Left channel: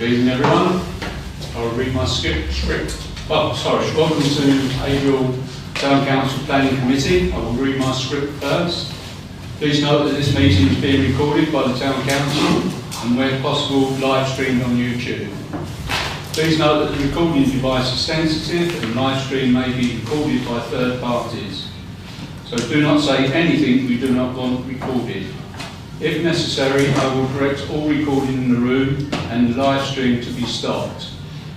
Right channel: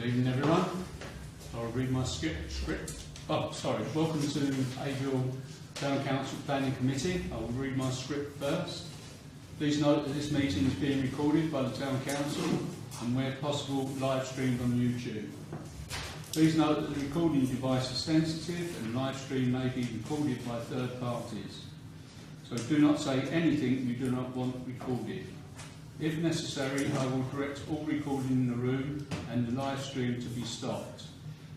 Good evening, everyone. I'll read my script. Oh, sorry. Welcome to Haverhill Town Council Planning Committee. I will read my script first. Please note that this meeting is being recorded by the Town Council and, where possible, live streamed on YouTube. Please note that the recording device is sensitive and live stream may be recorded by third parties. So do not say anything we do not want recorded. If necessary, I will correct all recording in the room and the live stream to be stopped.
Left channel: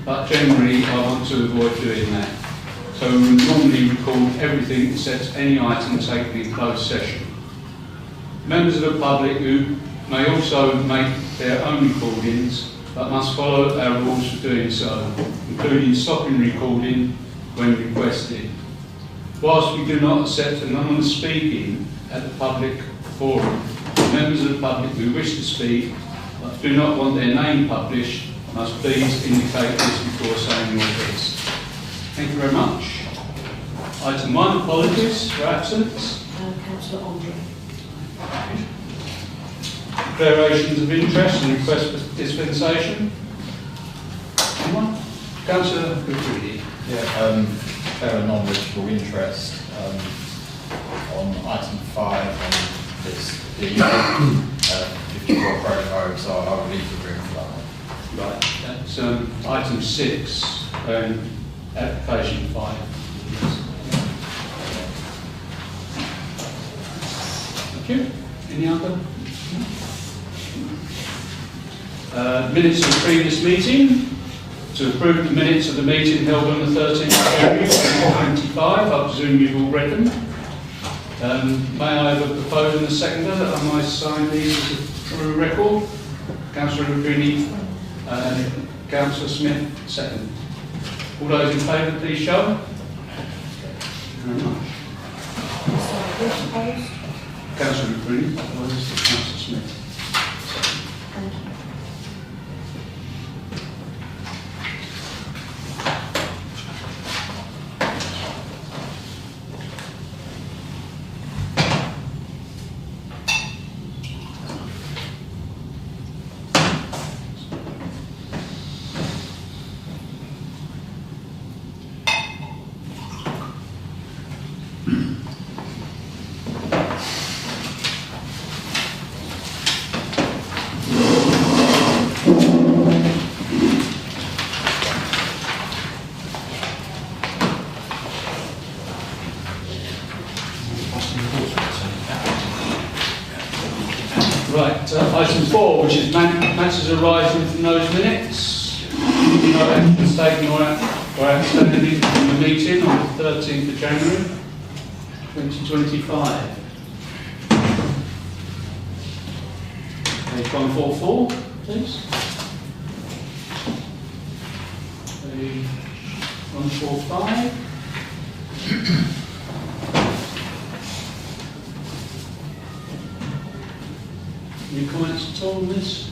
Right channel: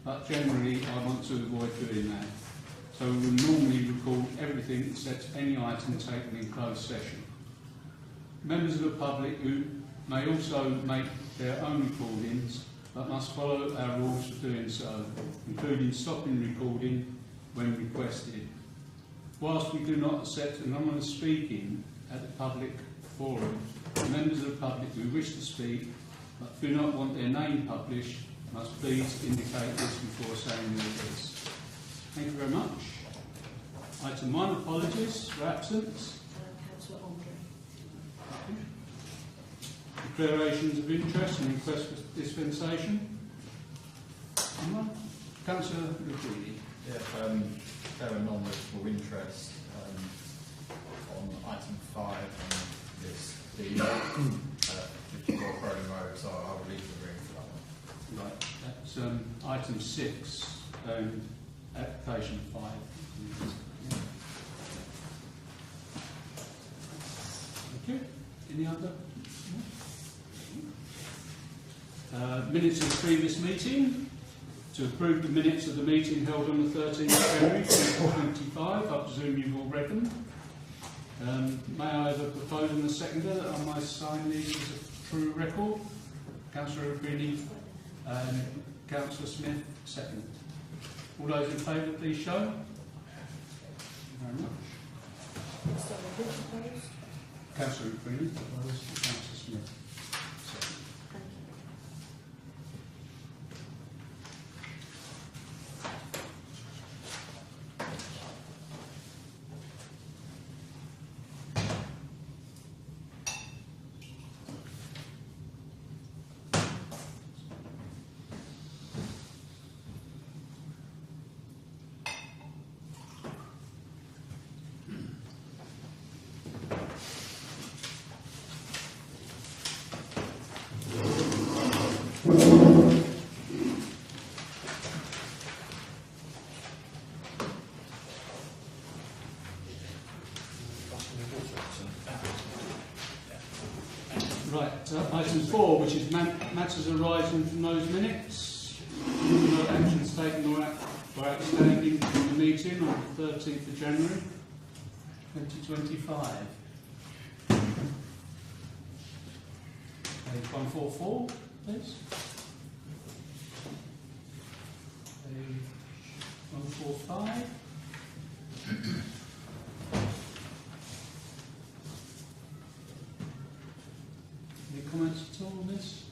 But generally, I want to avoid doing that. So we will normally record everything except any item taken in closed session. Members of the public who may also make their own recordings, but must follow our rules for doing so, including stopping recording when requested. Whilst we do not accept anonymous speaking at the public forum, members of the public who wish to speak but do not want their name published must please indicate this before saying your piece. Thank you very much. Item 1, apologies for absence. Councillor Andre. Declarations of interest and request for dispensation. Anyone? Councillor Goodready. Yeah, declare a non-registrable interest on item 5 on this the 54 prototype, so I will leave the room for that one. Right, that's item 6, application 5. Thank you. Any other? Minutes of the previous meeting. To approve the minutes of the meeting held on the 13th of January 2025. I presume you've all read them. May I have a proposer and a seconder that I might sign these as a true record? Councillor Rubini, Councillor Smith, second. All those in favour, please show. Thank you very much. Councillor Rubini, Councillor Smith. Thank you. Right, item 4, which is matters arising from those minutes. No action taken or outstanding from the meeting on the 13th of January 2025. Page 144, please. Page 145. Any comments at all on this?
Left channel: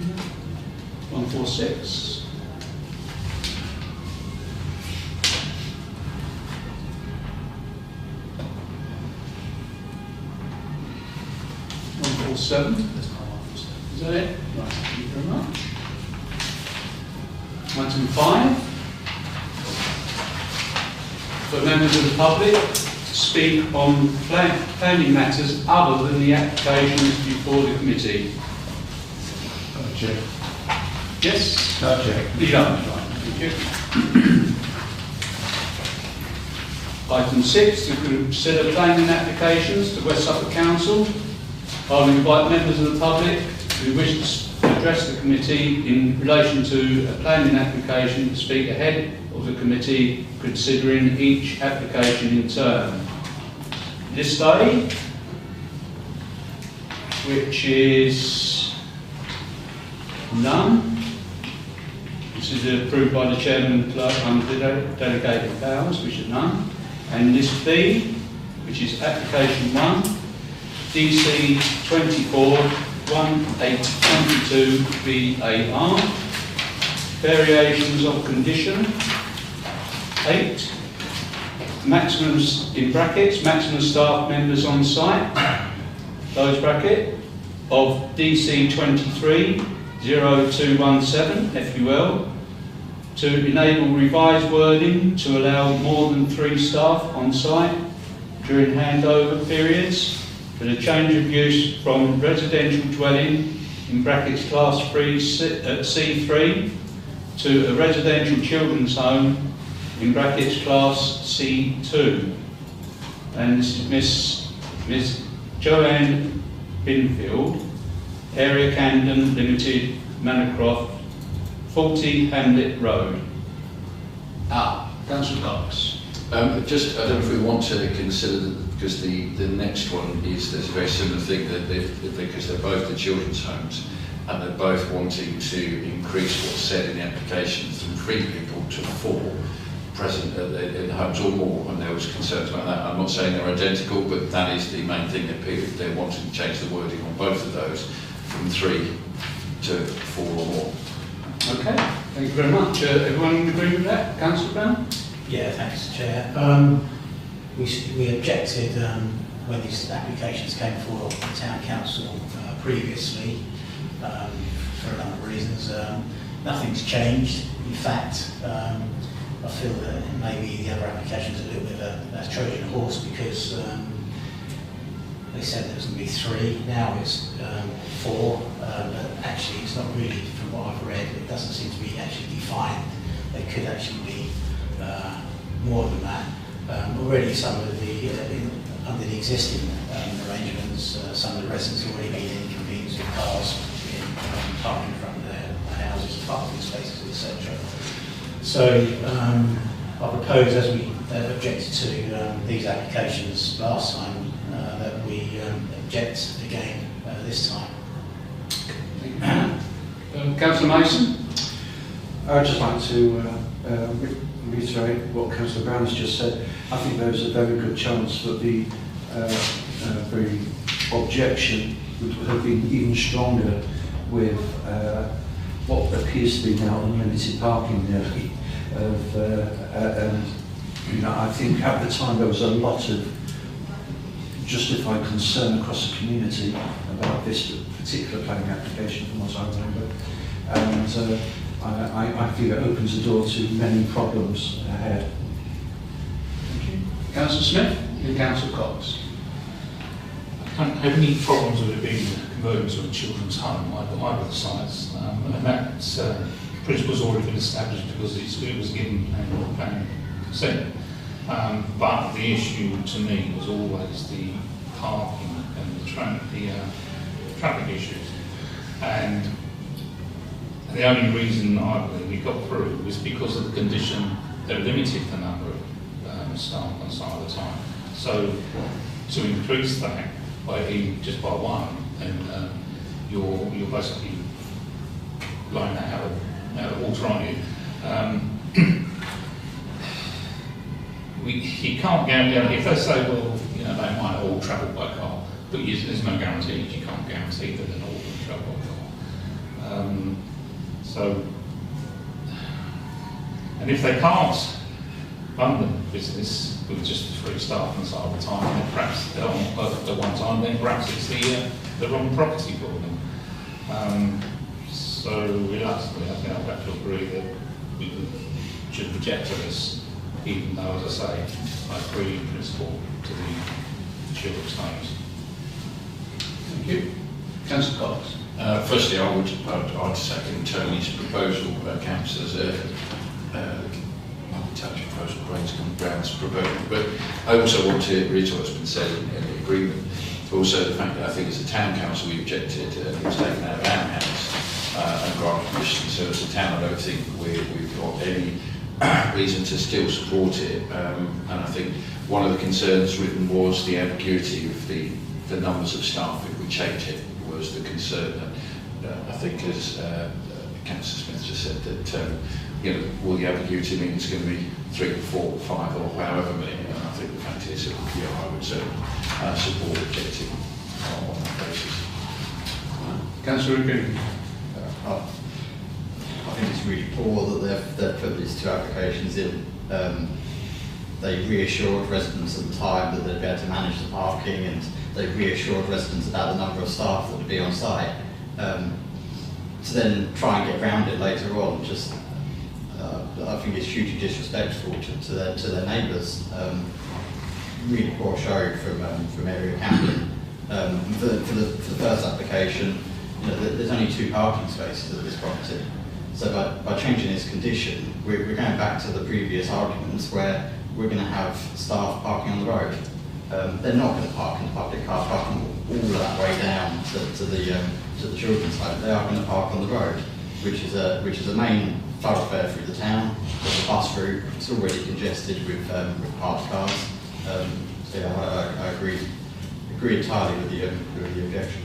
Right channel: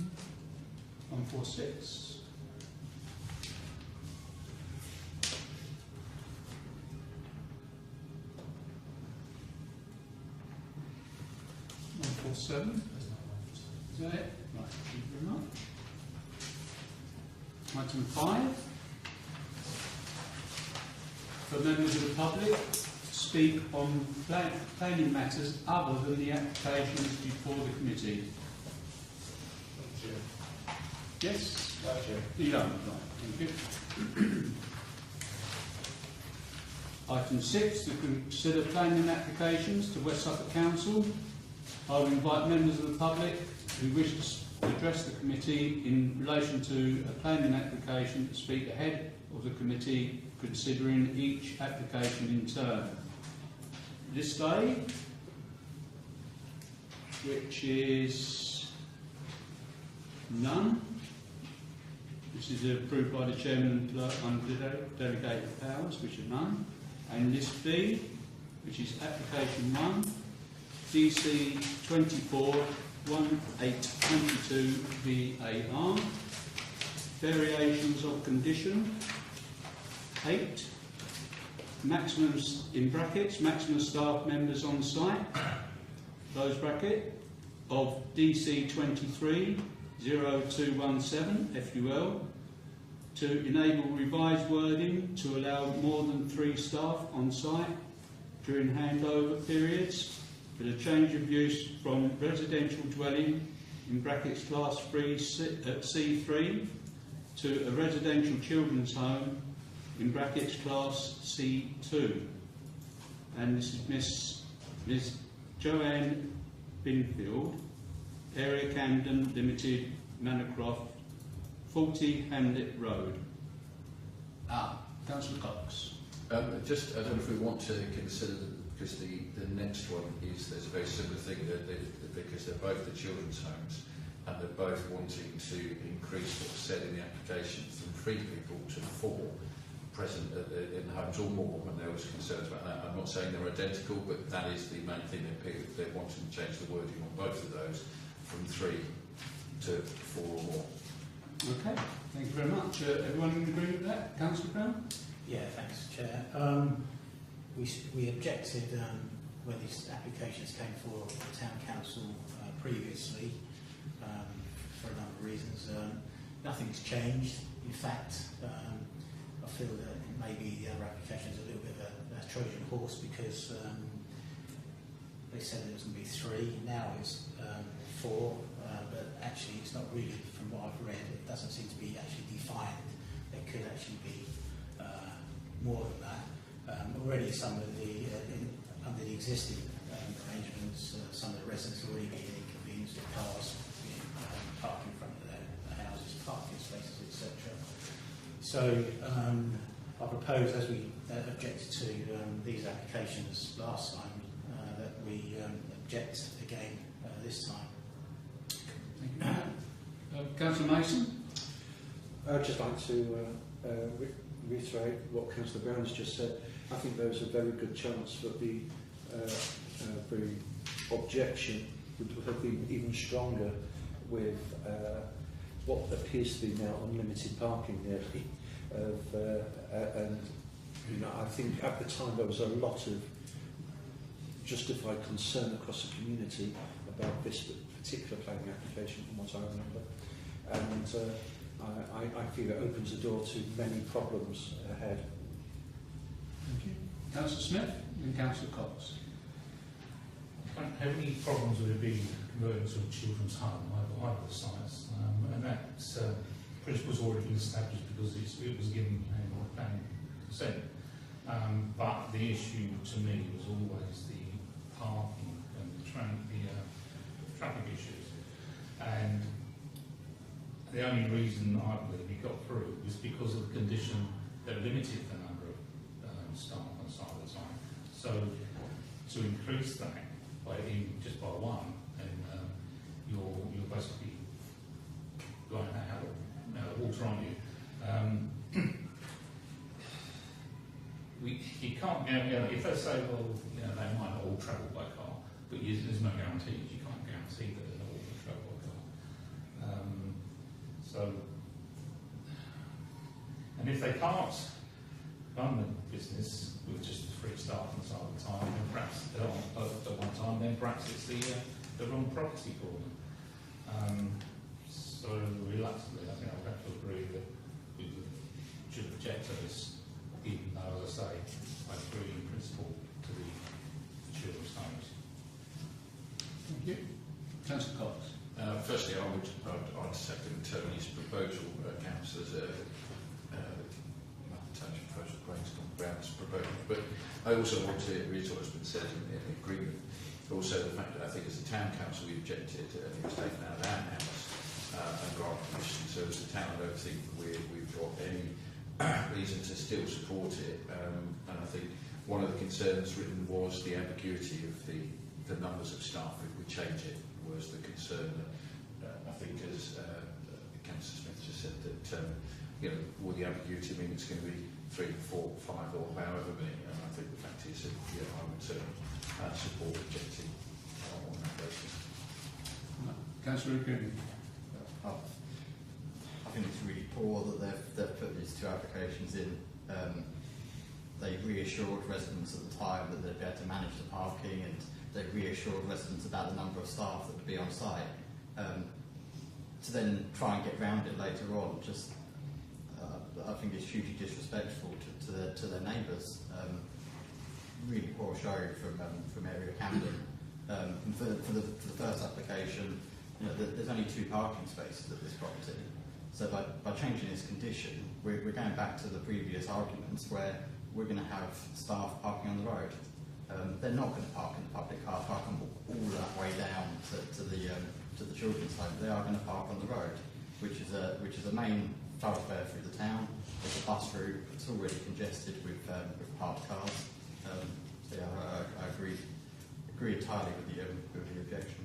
No? 146. Is that it? Right, thank you very much. Item 5. For members of the public to speak on planning matters other than the applications before the committee. Check. Yes? Check. You don't, right, thank you. Item 6, to consider planning applications to West Suffolk Council. I will invite members of the public who wish to address the committee in relation to a planning application to speak ahead of the committee, considering each application in turn. This day, which is none. This is approved by the chairman and clerk under delegated powers, which is none. And this B, which is application 1, DC 24-1822 BAR, variations of condition 8, maximum, in brackets, maximum staff members on site, close bracket, of DC 230217 FUL to enable revised wording to allow more than 3 staff on site during handover periods for the change of use from residential dwelling in brackets class 3 C3 to a residential children's home in brackets class C2. And this is Miss Joanne Binfield, Area Camden Limited, Manor 40 Hamlet Road. Councillor Cox. I don't know if we want to consider that, because the next one is, there's a very similar thing, that because they're both the children's homes and they're both wanting to increase what's said in the application from 3 people to 4 present in the homes or more, and there was concerns about that. I'm not saying they're identical, but that is the main thing they're wanting to change the wording on both of those from 3 to 4 or more. Okay, thank you very much. Everyone agree with that? Councillor Brown? Yeah, thanks, Chair. We objected when these applications came for the Town Council previously for a number of reasons. Nothing's changed. In fact, I feel that maybe the other application's a little bit of a Trojan horse, because they said there was going to be 3, now it's 4, but actually it's not really, from what I've read, it doesn't seem to be actually defined. There could actually be more than that. Already some of the, under the existing arrangements, some of the residents have already been inconvenienced with cars parking in front of their houses, parking spaces, etc. So I propose, as we objected to these applications last time, that we object again this time. Councillor Mason? I'd just like to reiterate what Councillor Brown has just said. I think there's a very good chance that the very objection would have been even stronger with what appears to be now unlimited parking there. And I think at the time there was a lot of justified concern across the community about this particular planning application, from what I remember. And I feel it opens the door to many problems ahead. Thank you. Councillor Smith and Councillor Cox. I don't have any problems with it being converted to a children's home, either of the sites, and that principle's already been established because it was given planning consent. But the issue to me was always the parking and the traffic issues. And the only reason I believe we got through was because of the condition that limited the number of staff on site at the time. So to increase that just by 1, and you're basically blowing that out of water on you. You can't guarantee, if they say, well, they might all travel by car, but there's no guarantee. You can't guarantee that they're not all going to travel by car. And if they can't run the business with just 3 staff on site at the time, then perhaps they're on perfect at one time, then perhaps it's the wrong property for them. So reluctantly, I think I've got to agree that we should reject this, even though, as I say, I agree in principle to the children's homes. Thank you. Councillor Cox. Firstly, I'd second Tony's proposal, Councillor's Brown's proposal, but I also want to reiterate what's been said in the agreement. Also, the fact that I think as a town council we objected, it was taken out of our house and granted permission. So as a town, I don't think we've got any reason to still support it. And I think one of the concerns written was the ambiguity of the numbers of staff if we change it, was the concern. I think as Councillor Smith just said, that will the ambiguity mean it's going to be 3, 4, 5 or however many? And I think the fact is, I would certainly support objecting on that basis. Councillor Green. I think it's really poor that they've put these 2 applications in. They reassured residents at the time that they'd be able to manage the parking, and they've reassured residents about the number of staff that would be on site. To then try and get around it later on, just I think it's hugely disrespectful to their neighbours. Really poor show from area Camden. For the first application, you know, there's only 2 parking spaces at this property. So by changing this condition, we're going back to the previous arguments where we're going to have staff parking on the road. They're not going to park in the public car parking all of that way down to the children's home. They are going to park on the road, which is a main thoroughfare through the town. There's a bus route. It's already congested with parked cars. So yeah, I agree entirely with the objection.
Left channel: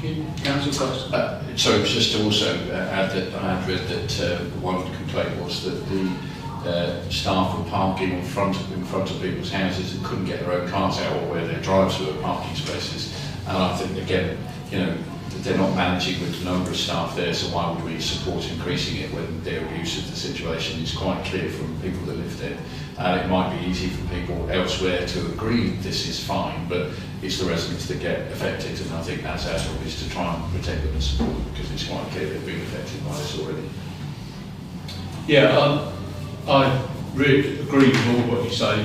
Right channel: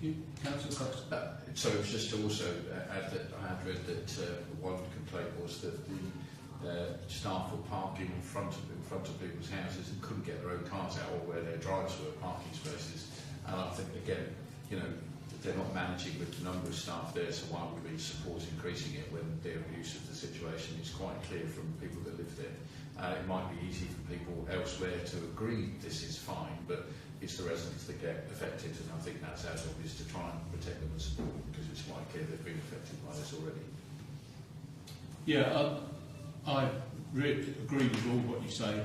Thank you. Councillor Cox. So it was just to also add that I had read that one complaint was that the staff were parking in front of people's houses and couldn't get their own cars out, or where their drives were parking spaces. And I think, again, you know, they're not managing with the number of staff there, so why would we support increasing it when their abuse of the situation is quite clear from people that live there? It might be easy for people elsewhere to agree this is fine, but it's the residents that get affected, and I think that's our job, is to try and protect them and support them, because it's quite clear they've been affected by this already. Yeah, I really agree with all what you say.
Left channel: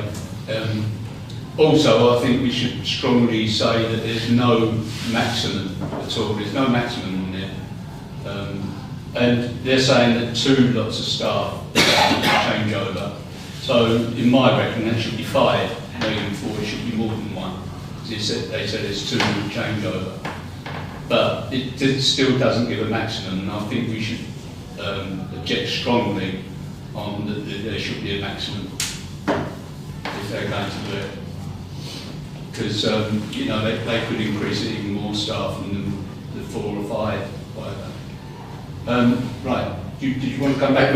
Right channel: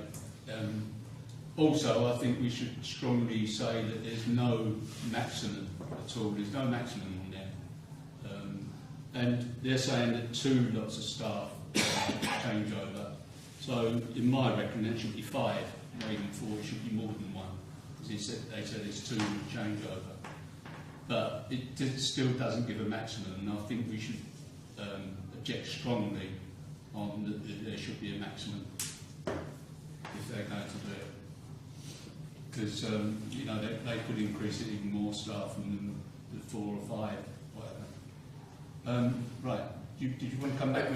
Also, I think we should strongly say that there's no maximum at all. There's no maximum in there. And they're saying that 2 lots of staff change over. So, in my reckoning, that should be 5 moving forward. It should be more than 1. They said there's 2 change over. But it still doesn't give a maximum, and I think we should object strongly on that there should be a maximum if they're going to do it. Because you know, they could increase it even more staff than the 4 or 5, whatever. Right, did you want to come back? It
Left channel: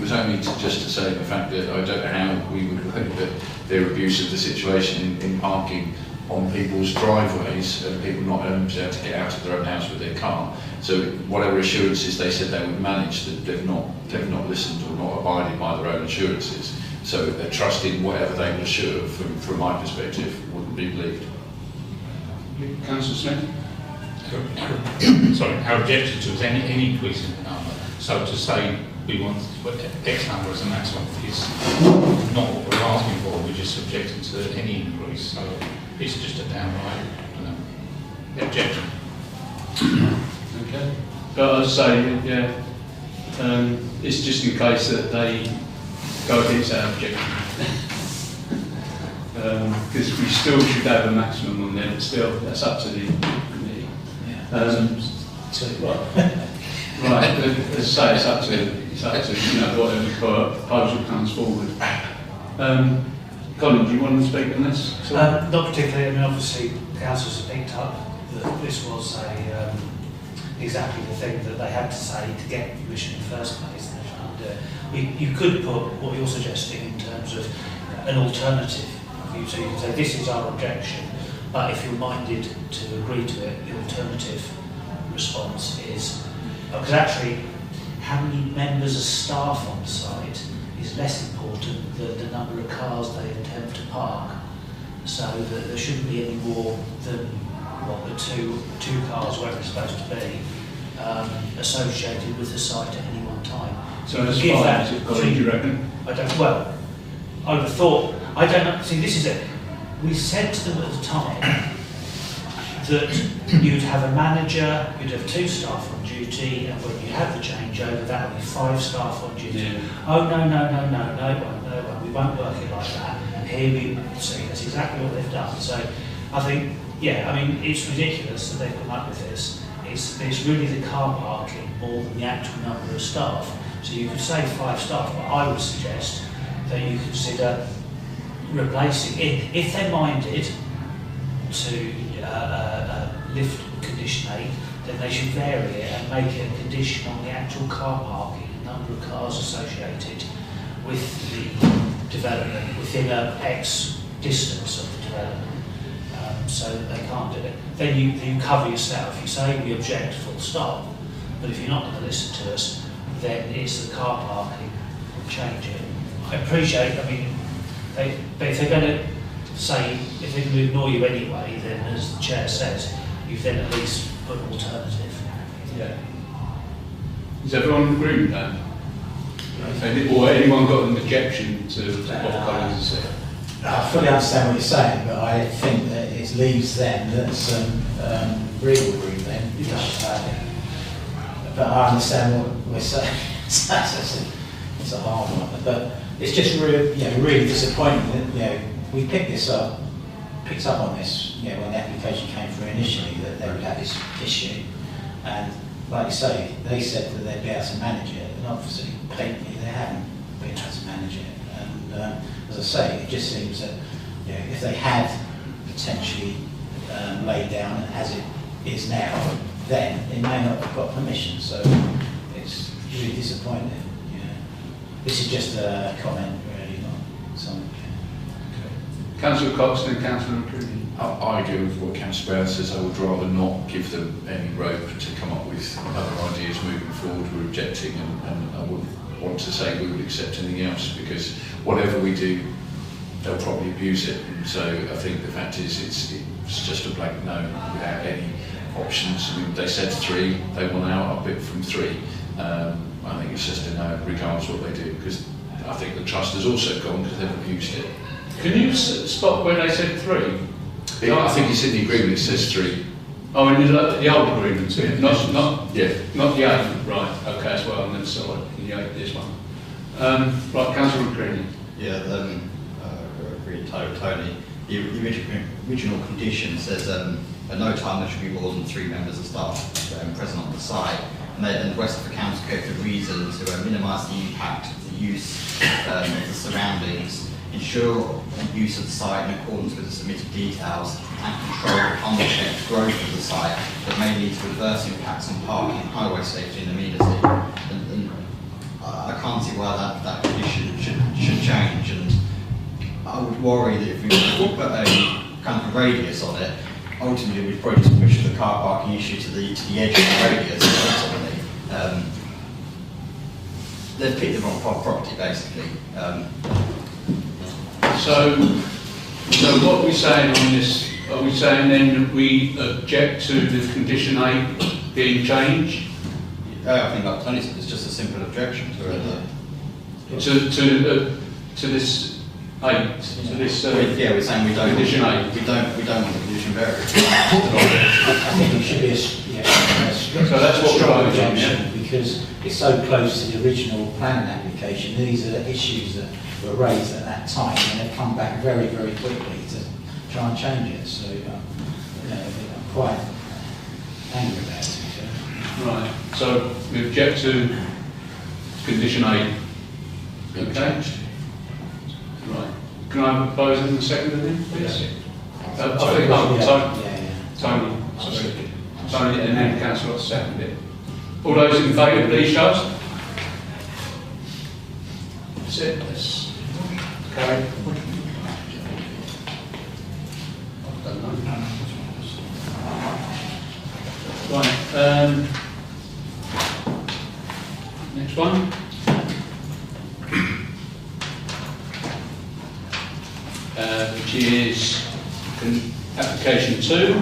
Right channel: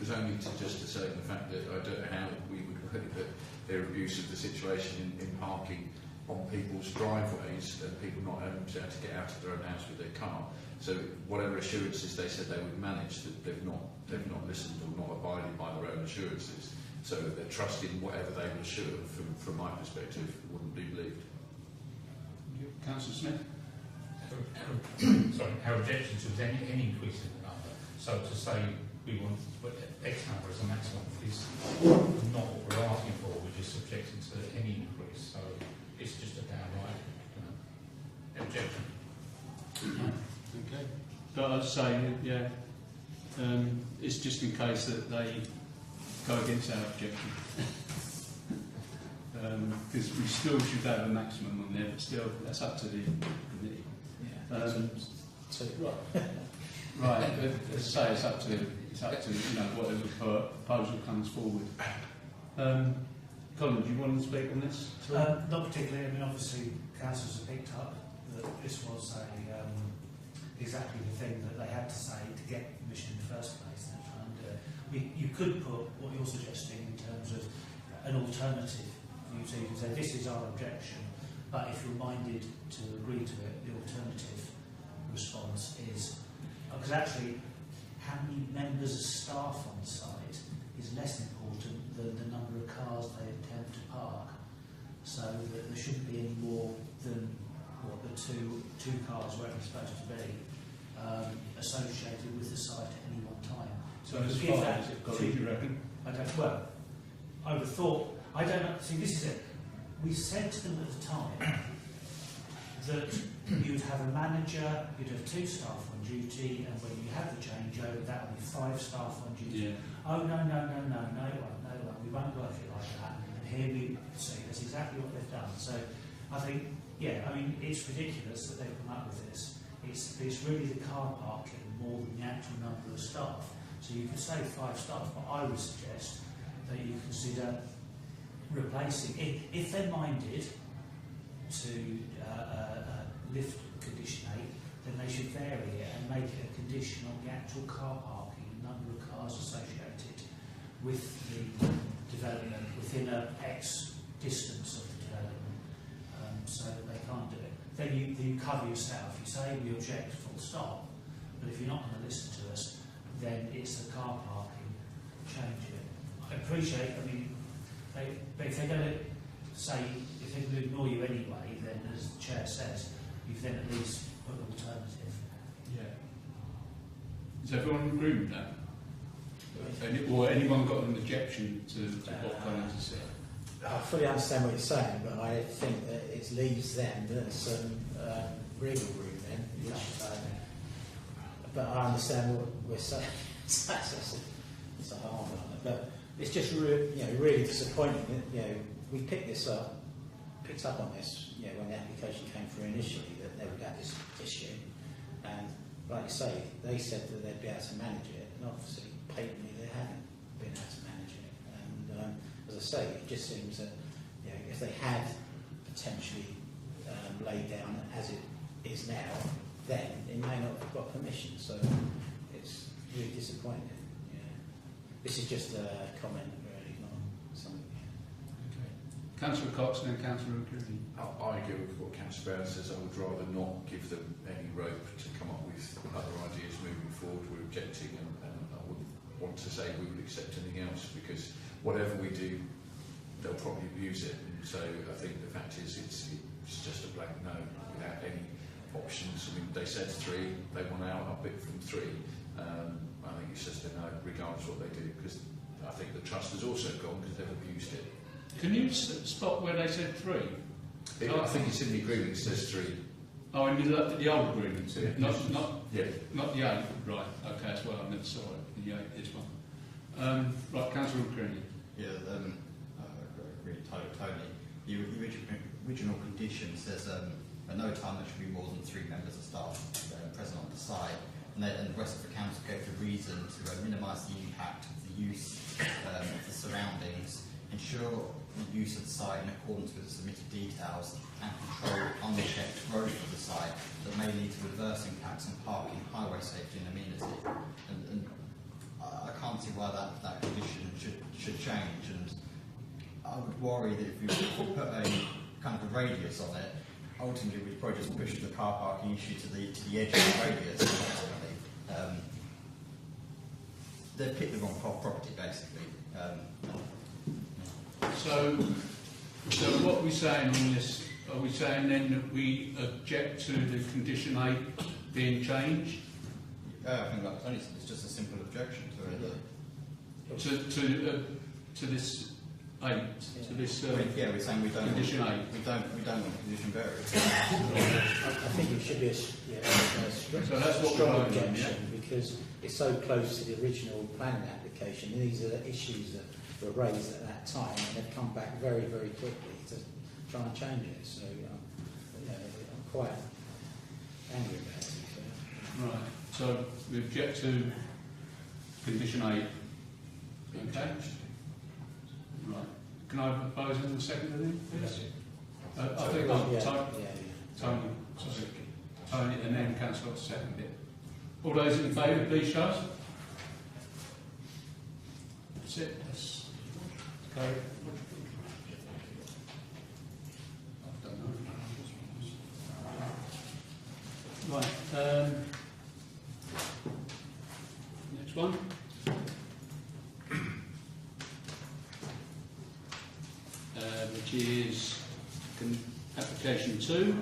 was only just to say the fact that I don't know how we would hope that their abuse of the situation in parking on people's driveways and people not able to get out of their own house with their car. So whatever assurances they said they would manage, that they've not listened or not abided by their own assurances. So their trust in whatever they would assure, from my perspective, wouldn't be believed. Councillor Smith? Sorry, our objection to is any increase in the number. So to say we want X number as a maximum is not what we're asking for. We're just objecting to any increase. So it's just a downright objection. Okay. But I'd say, yeah, it's just in case that they go against our objection. Because we still should have a maximum on there, but still, that's up to the committee. Right, let's say it's up to you know, whatever proposal comes forward. Colin, do you want to speak on this? Not particularly. I mean, obviously, the councils have picked up that this was exactly the thing that they had to say to get permission in the first place. And you could put what you're suggesting in terms of an alternative view. So you can say this is our objection, but if you're minded to agree to it, the alternative response is, because actually how many members of staff on site is less important than the number of cars they attempt to park. So that there shouldn't be any more than what the two cars, where it's supposed to be, associated with the site at any one time. So that's fine, is it, Colin, do you reckon? I don't, well, I would have thought, I don't know, see this is it. We said to them at the time that you'd have a manager, you'd have 2 staff on duty, and when you have the changeover, that would be 5 staff on duty. Yeah. Oh, no, we won't work it like that. And here we see, that's exactly what they've done. So I think, yeah, I mean, it's ridiculous that they've come up with this. It's really the car parking more than the actual number of staff. So you could say 5 staff, but I would suggest that you consider replacing it. If they're minded to lift condition 8, then they should vary it and make it a condition on the actual car parking, number of cars associated with the development within a X distance of the development, so that they can't do it. Then you cover yourself. You say we object, full stop. But if you're not going to listen to us, then it's the car parking. Change it. I appreciate. I mean, but if they're going to say, if they're going to ignore you anyway, then as the chair says, you've then at least put an alternative. Yeah. Does everyone agree with that? Or anyone got an objection to what Collins has said? I fully understand what you're saying, but I think that it leaves them some wriggle room then. But I understand what we're saying. It's a hard one, but it's just really, really disappointing that we picked up on this, when the application came through initially, that they would have this issue, and like you say, they said that they'd be able to manage it, and obviously, blatantly, they haven't been able to manage it. And as I say, it just seems that if they had potentially laid down as it is now, then it may not have got permission. So it's really disappointing. This is just a comment, really, not something. Councillor Cox and Councillor Rooney. I agree with what Councillor Brown says. I would rather not give them any rope to come up with other ideas moving forward. We're objecting, and I wouldn't want to say we would accept anything else, because whatever we do, they'll probably abuse it. And so I think the fact is it's just a blank no without any options. I mean, they said 3, they will now up it from 3. I think it's just a no regardless of what they do, because I think the trust has also gone because they've abused it. Can you stop where they said 3? I think it's in the agreement, it says 3. Oh, in the old agreement, not Yeah. not the 8, right, okay, that's what I'm going to say, in the 8, this one. Right, Councillor Rooney. Yeah, agree totally. The original condition says at no time there should be more than 3 members of staff present on the site, and the rest of the council gave the reason to minimise the impact of the use of the surroundings, ensure use of the site in accordance with the submitted details, and control the unchecked growth of the site that may lead to adverse impacts on parking, highway safety and amenity. And I can't see why that condition should change, and I would worry that if we put a kind of a radius on it, ultimately we'd probably just push the car parking issue to the edge of the radius. Ultimately, they've picked the wrong property basically. So what are we saying on this? Are we saying then that we object to the condition 8 being changed? I think like Tony said, it's just a simple objection to it. To this 8, to this Yeah, we're saying we don't. condition 8. We don't want the condition varied. I think it should be a So that's what we're strong voting on, objection, because it's so close to the original planning application. These are issues that were raised at that time, and they've come back very, very quickly to try and change it. So, I'm quite angry about it. Right, so we object to condition 8. Okay? Right. Can I have a proposal in the second of it, please? I think Tony, sorry. Tony, and then Councillor second it. All those in favour, please show. That's it. That's carried. Right. Next one. Which is application 2,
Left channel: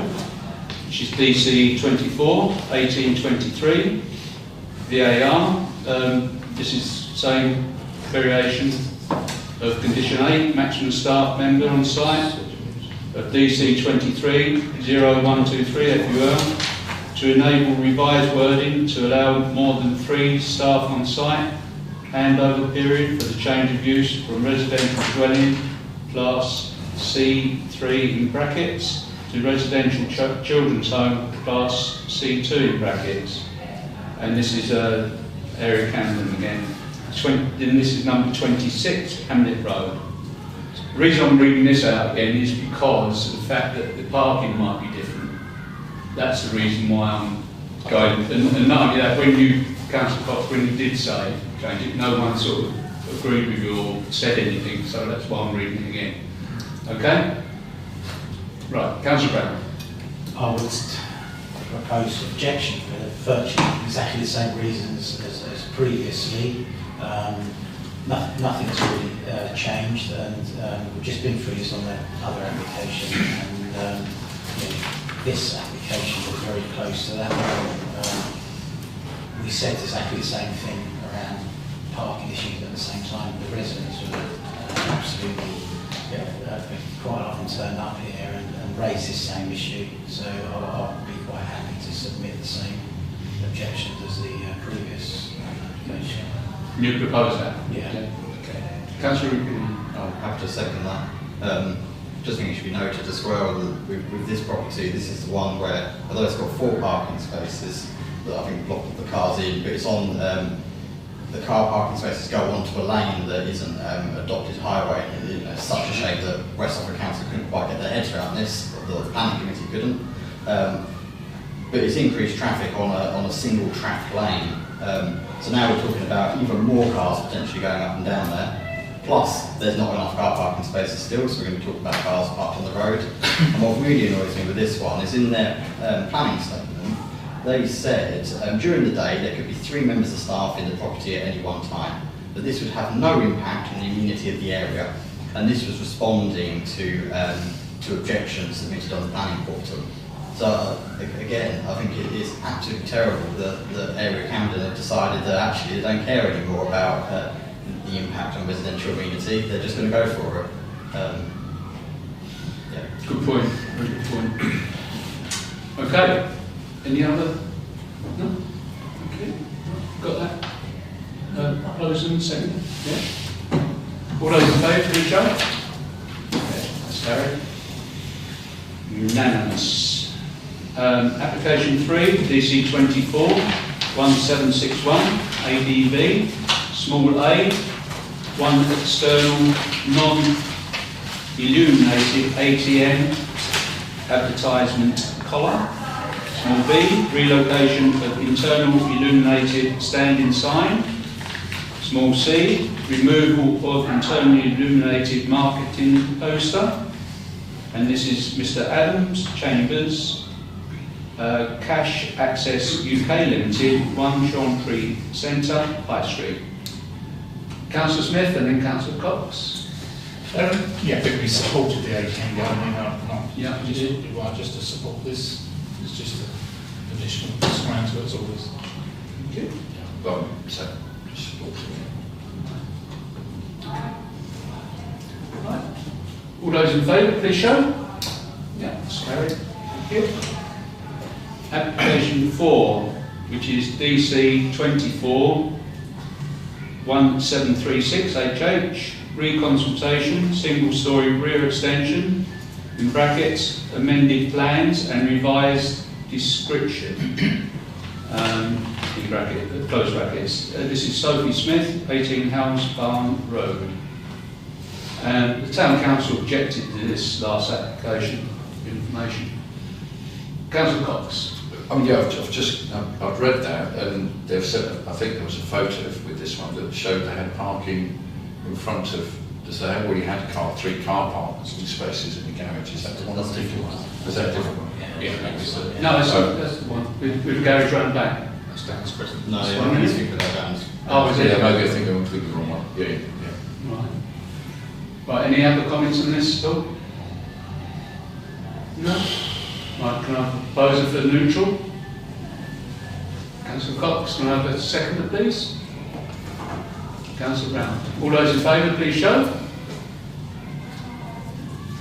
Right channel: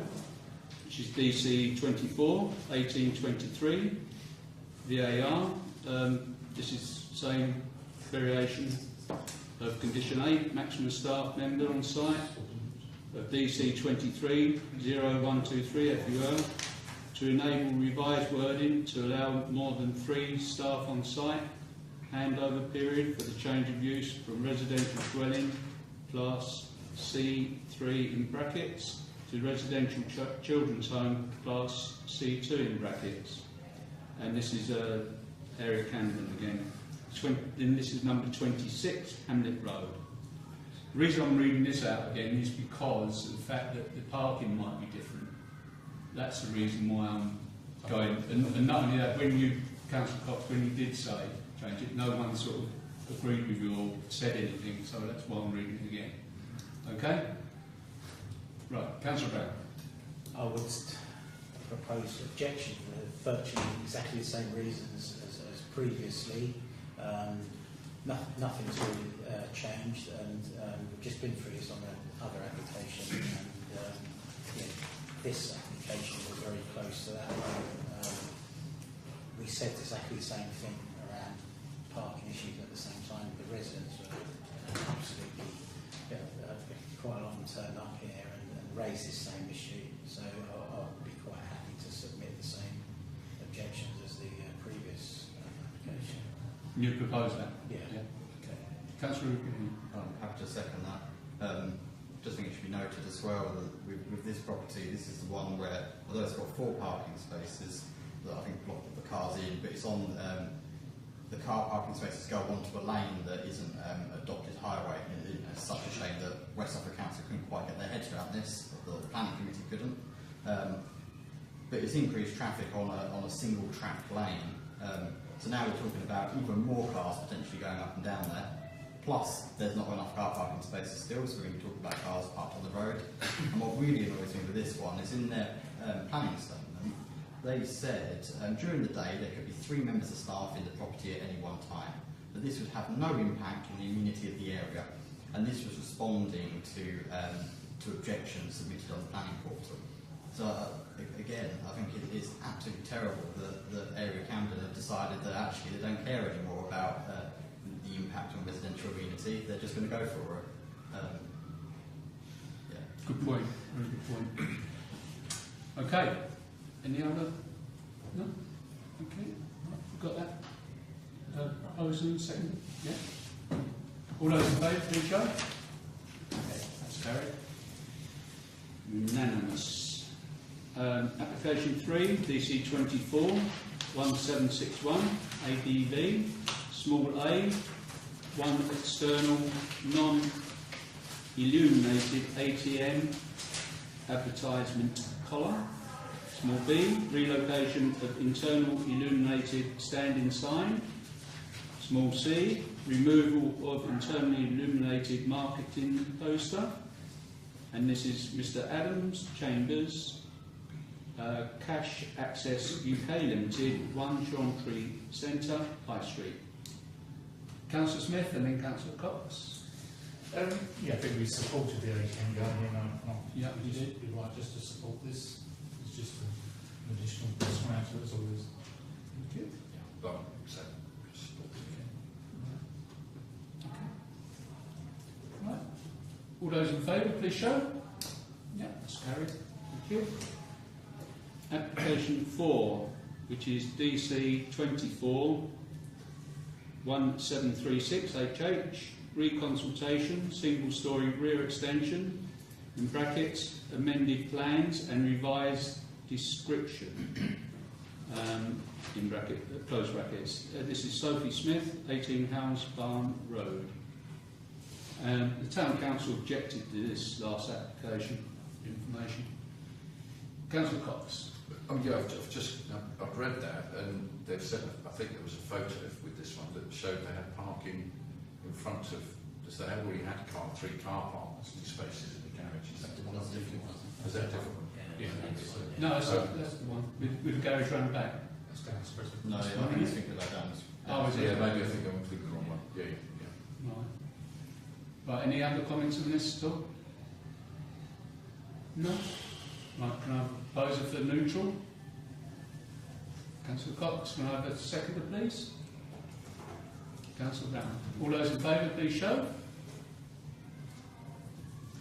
which is DC 24 1823 VAR. This is same variation of condition 8, maximum staff member on site, of DC 23 0123 FUL, to enable revised wording to allow more than 3 staff on site handover period for the change of use from residential dwelling class C3 in brackets to residential children's home class C2 in brackets. And this is area Camden again. Then this is number 26, Hamlet Road. The reason I'm reading this out again is because of the fact that the parking might be different. That's the reason why I'm going. And not only that, when you, Councillor Cox, when you did say change it, no one sort of agreed with you or said anything, so that's why I'm reading it again. Okay? Right, Councillor Brown. I would propose objection for virtually exactly the same reasons as previously. Nothing's really changed, and we've just been through this on the other application, and you know, this application was very close to that one. We said exactly the same thing around parking issues at the same time. The residents were absolutely quite often turned up here and raised this same issue, so I'll be quite happy to submit the same objections as the previous application. You propose that? Yeah. Councillor I'll have to second that. Just think it should be noted as well that with this property, this is the one where, although it's got 4 parking spaces that I think block the cars in, but it's on the car parking spaces go onto a lane that isn't adopted highway. And it's such a shame that West Suffolk Council couldn't quite get their heads around this, or the planning committee couldn't. But it's increased traffic on a single track lane. So now we're talking about even more cars potentially going up and down there. Plus, there's not enough car parking spaces still, so we're going to talk about cars parked on the road. And what really annoys me with this one is in their planning statement, they said during the day there could be 3 members of staff in the property at any one time, but this would have no impact on the immunity of the area. And this was responding to objections submitted on the planning portal. So again, I think it is absolutely terrible that the area Camden have decided that actually they don't care anymore about the impact on residential amenity. They're just going to go for it. Yeah. Good point. Very good point. Okay. Any other? No? Okay. Got that? Proposal and second? Yeah. All those in favour, please show. Okay, that's carried. Unanimous. Application 3, DC 24 1761 ADV, small a, 1 external non-illuminated ATM advertisement collar. Small b, relocation of internal illuminated standing sign. Small c, removal of internally illuminated marketing poster. And this is Mr. Adams, Chambers, Cash Access UK Limited, 1 Chantry Centre, High Street. Councillor Smith and then Councillor Cox. Yeah, I think we supported the ATM going. Yeah, you just, did. right, just to support this. It's just an additional discount to it's always. Okay. Well, so, support. Right. All those in favour, please show. Yeah, that's carried. Thank you. Application 4, which is DC 24 1736 HH, reconsultation, single storey rear extension, in brackets, amended plans and revised description, in bracket, close brackets. This is Sophie Smith, 18 House Farm Road. The Town Council objected to this last application information. Councillor Cox. Yeah, I've read that, and they've said, I think there was a photo with this one that showed they had parking in front of, they have already had 3 car parking spaces in the garage. Is that the one? That's a different one. Is that a different one? Yeah, maybe so. No, that's the one, with the garage round back. That's Dan's question. No, That's yeah, one, I isn't think that sounds. Oh, is it? Yeah, maybe I think I'm thinking the wrong one. Yeah. Right. Right, any other comments on this at all? No? Right, can I propose it for neutral? Councillor Cox, can I have a seconder, please? Councillor Brown. All those in favour, please show.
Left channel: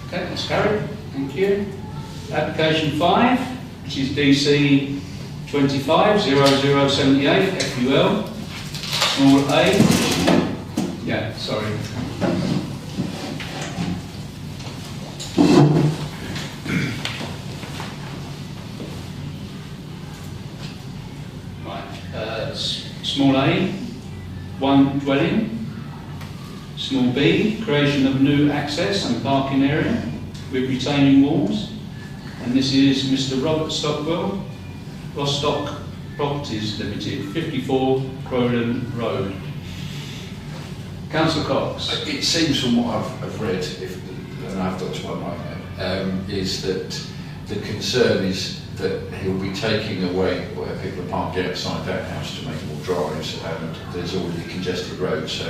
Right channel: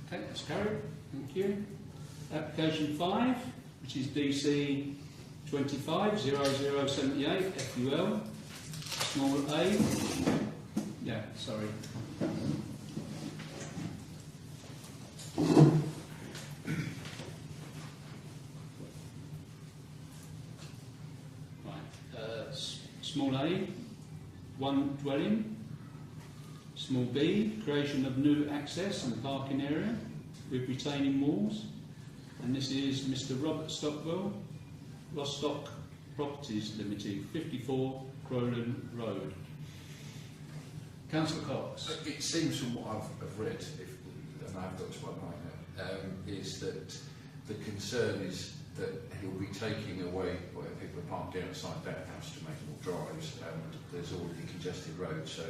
Okay, that's carried. Thank you. Application 5, which is DC 25 0078 FUL, small a. Yeah, sorry. Small a, 1 dwelling. Small b, creation of new access and parking area with retaining walls. And this is Mr. Robert Stockwell, Rostock Properties Limited, 54 Crowden Road. Councillor Cox. It seems from what I've read, and I've got to my mind now, is that the concern is that he'll be taking away where people are parking outside that house to make more drives, and there's already a congested road, so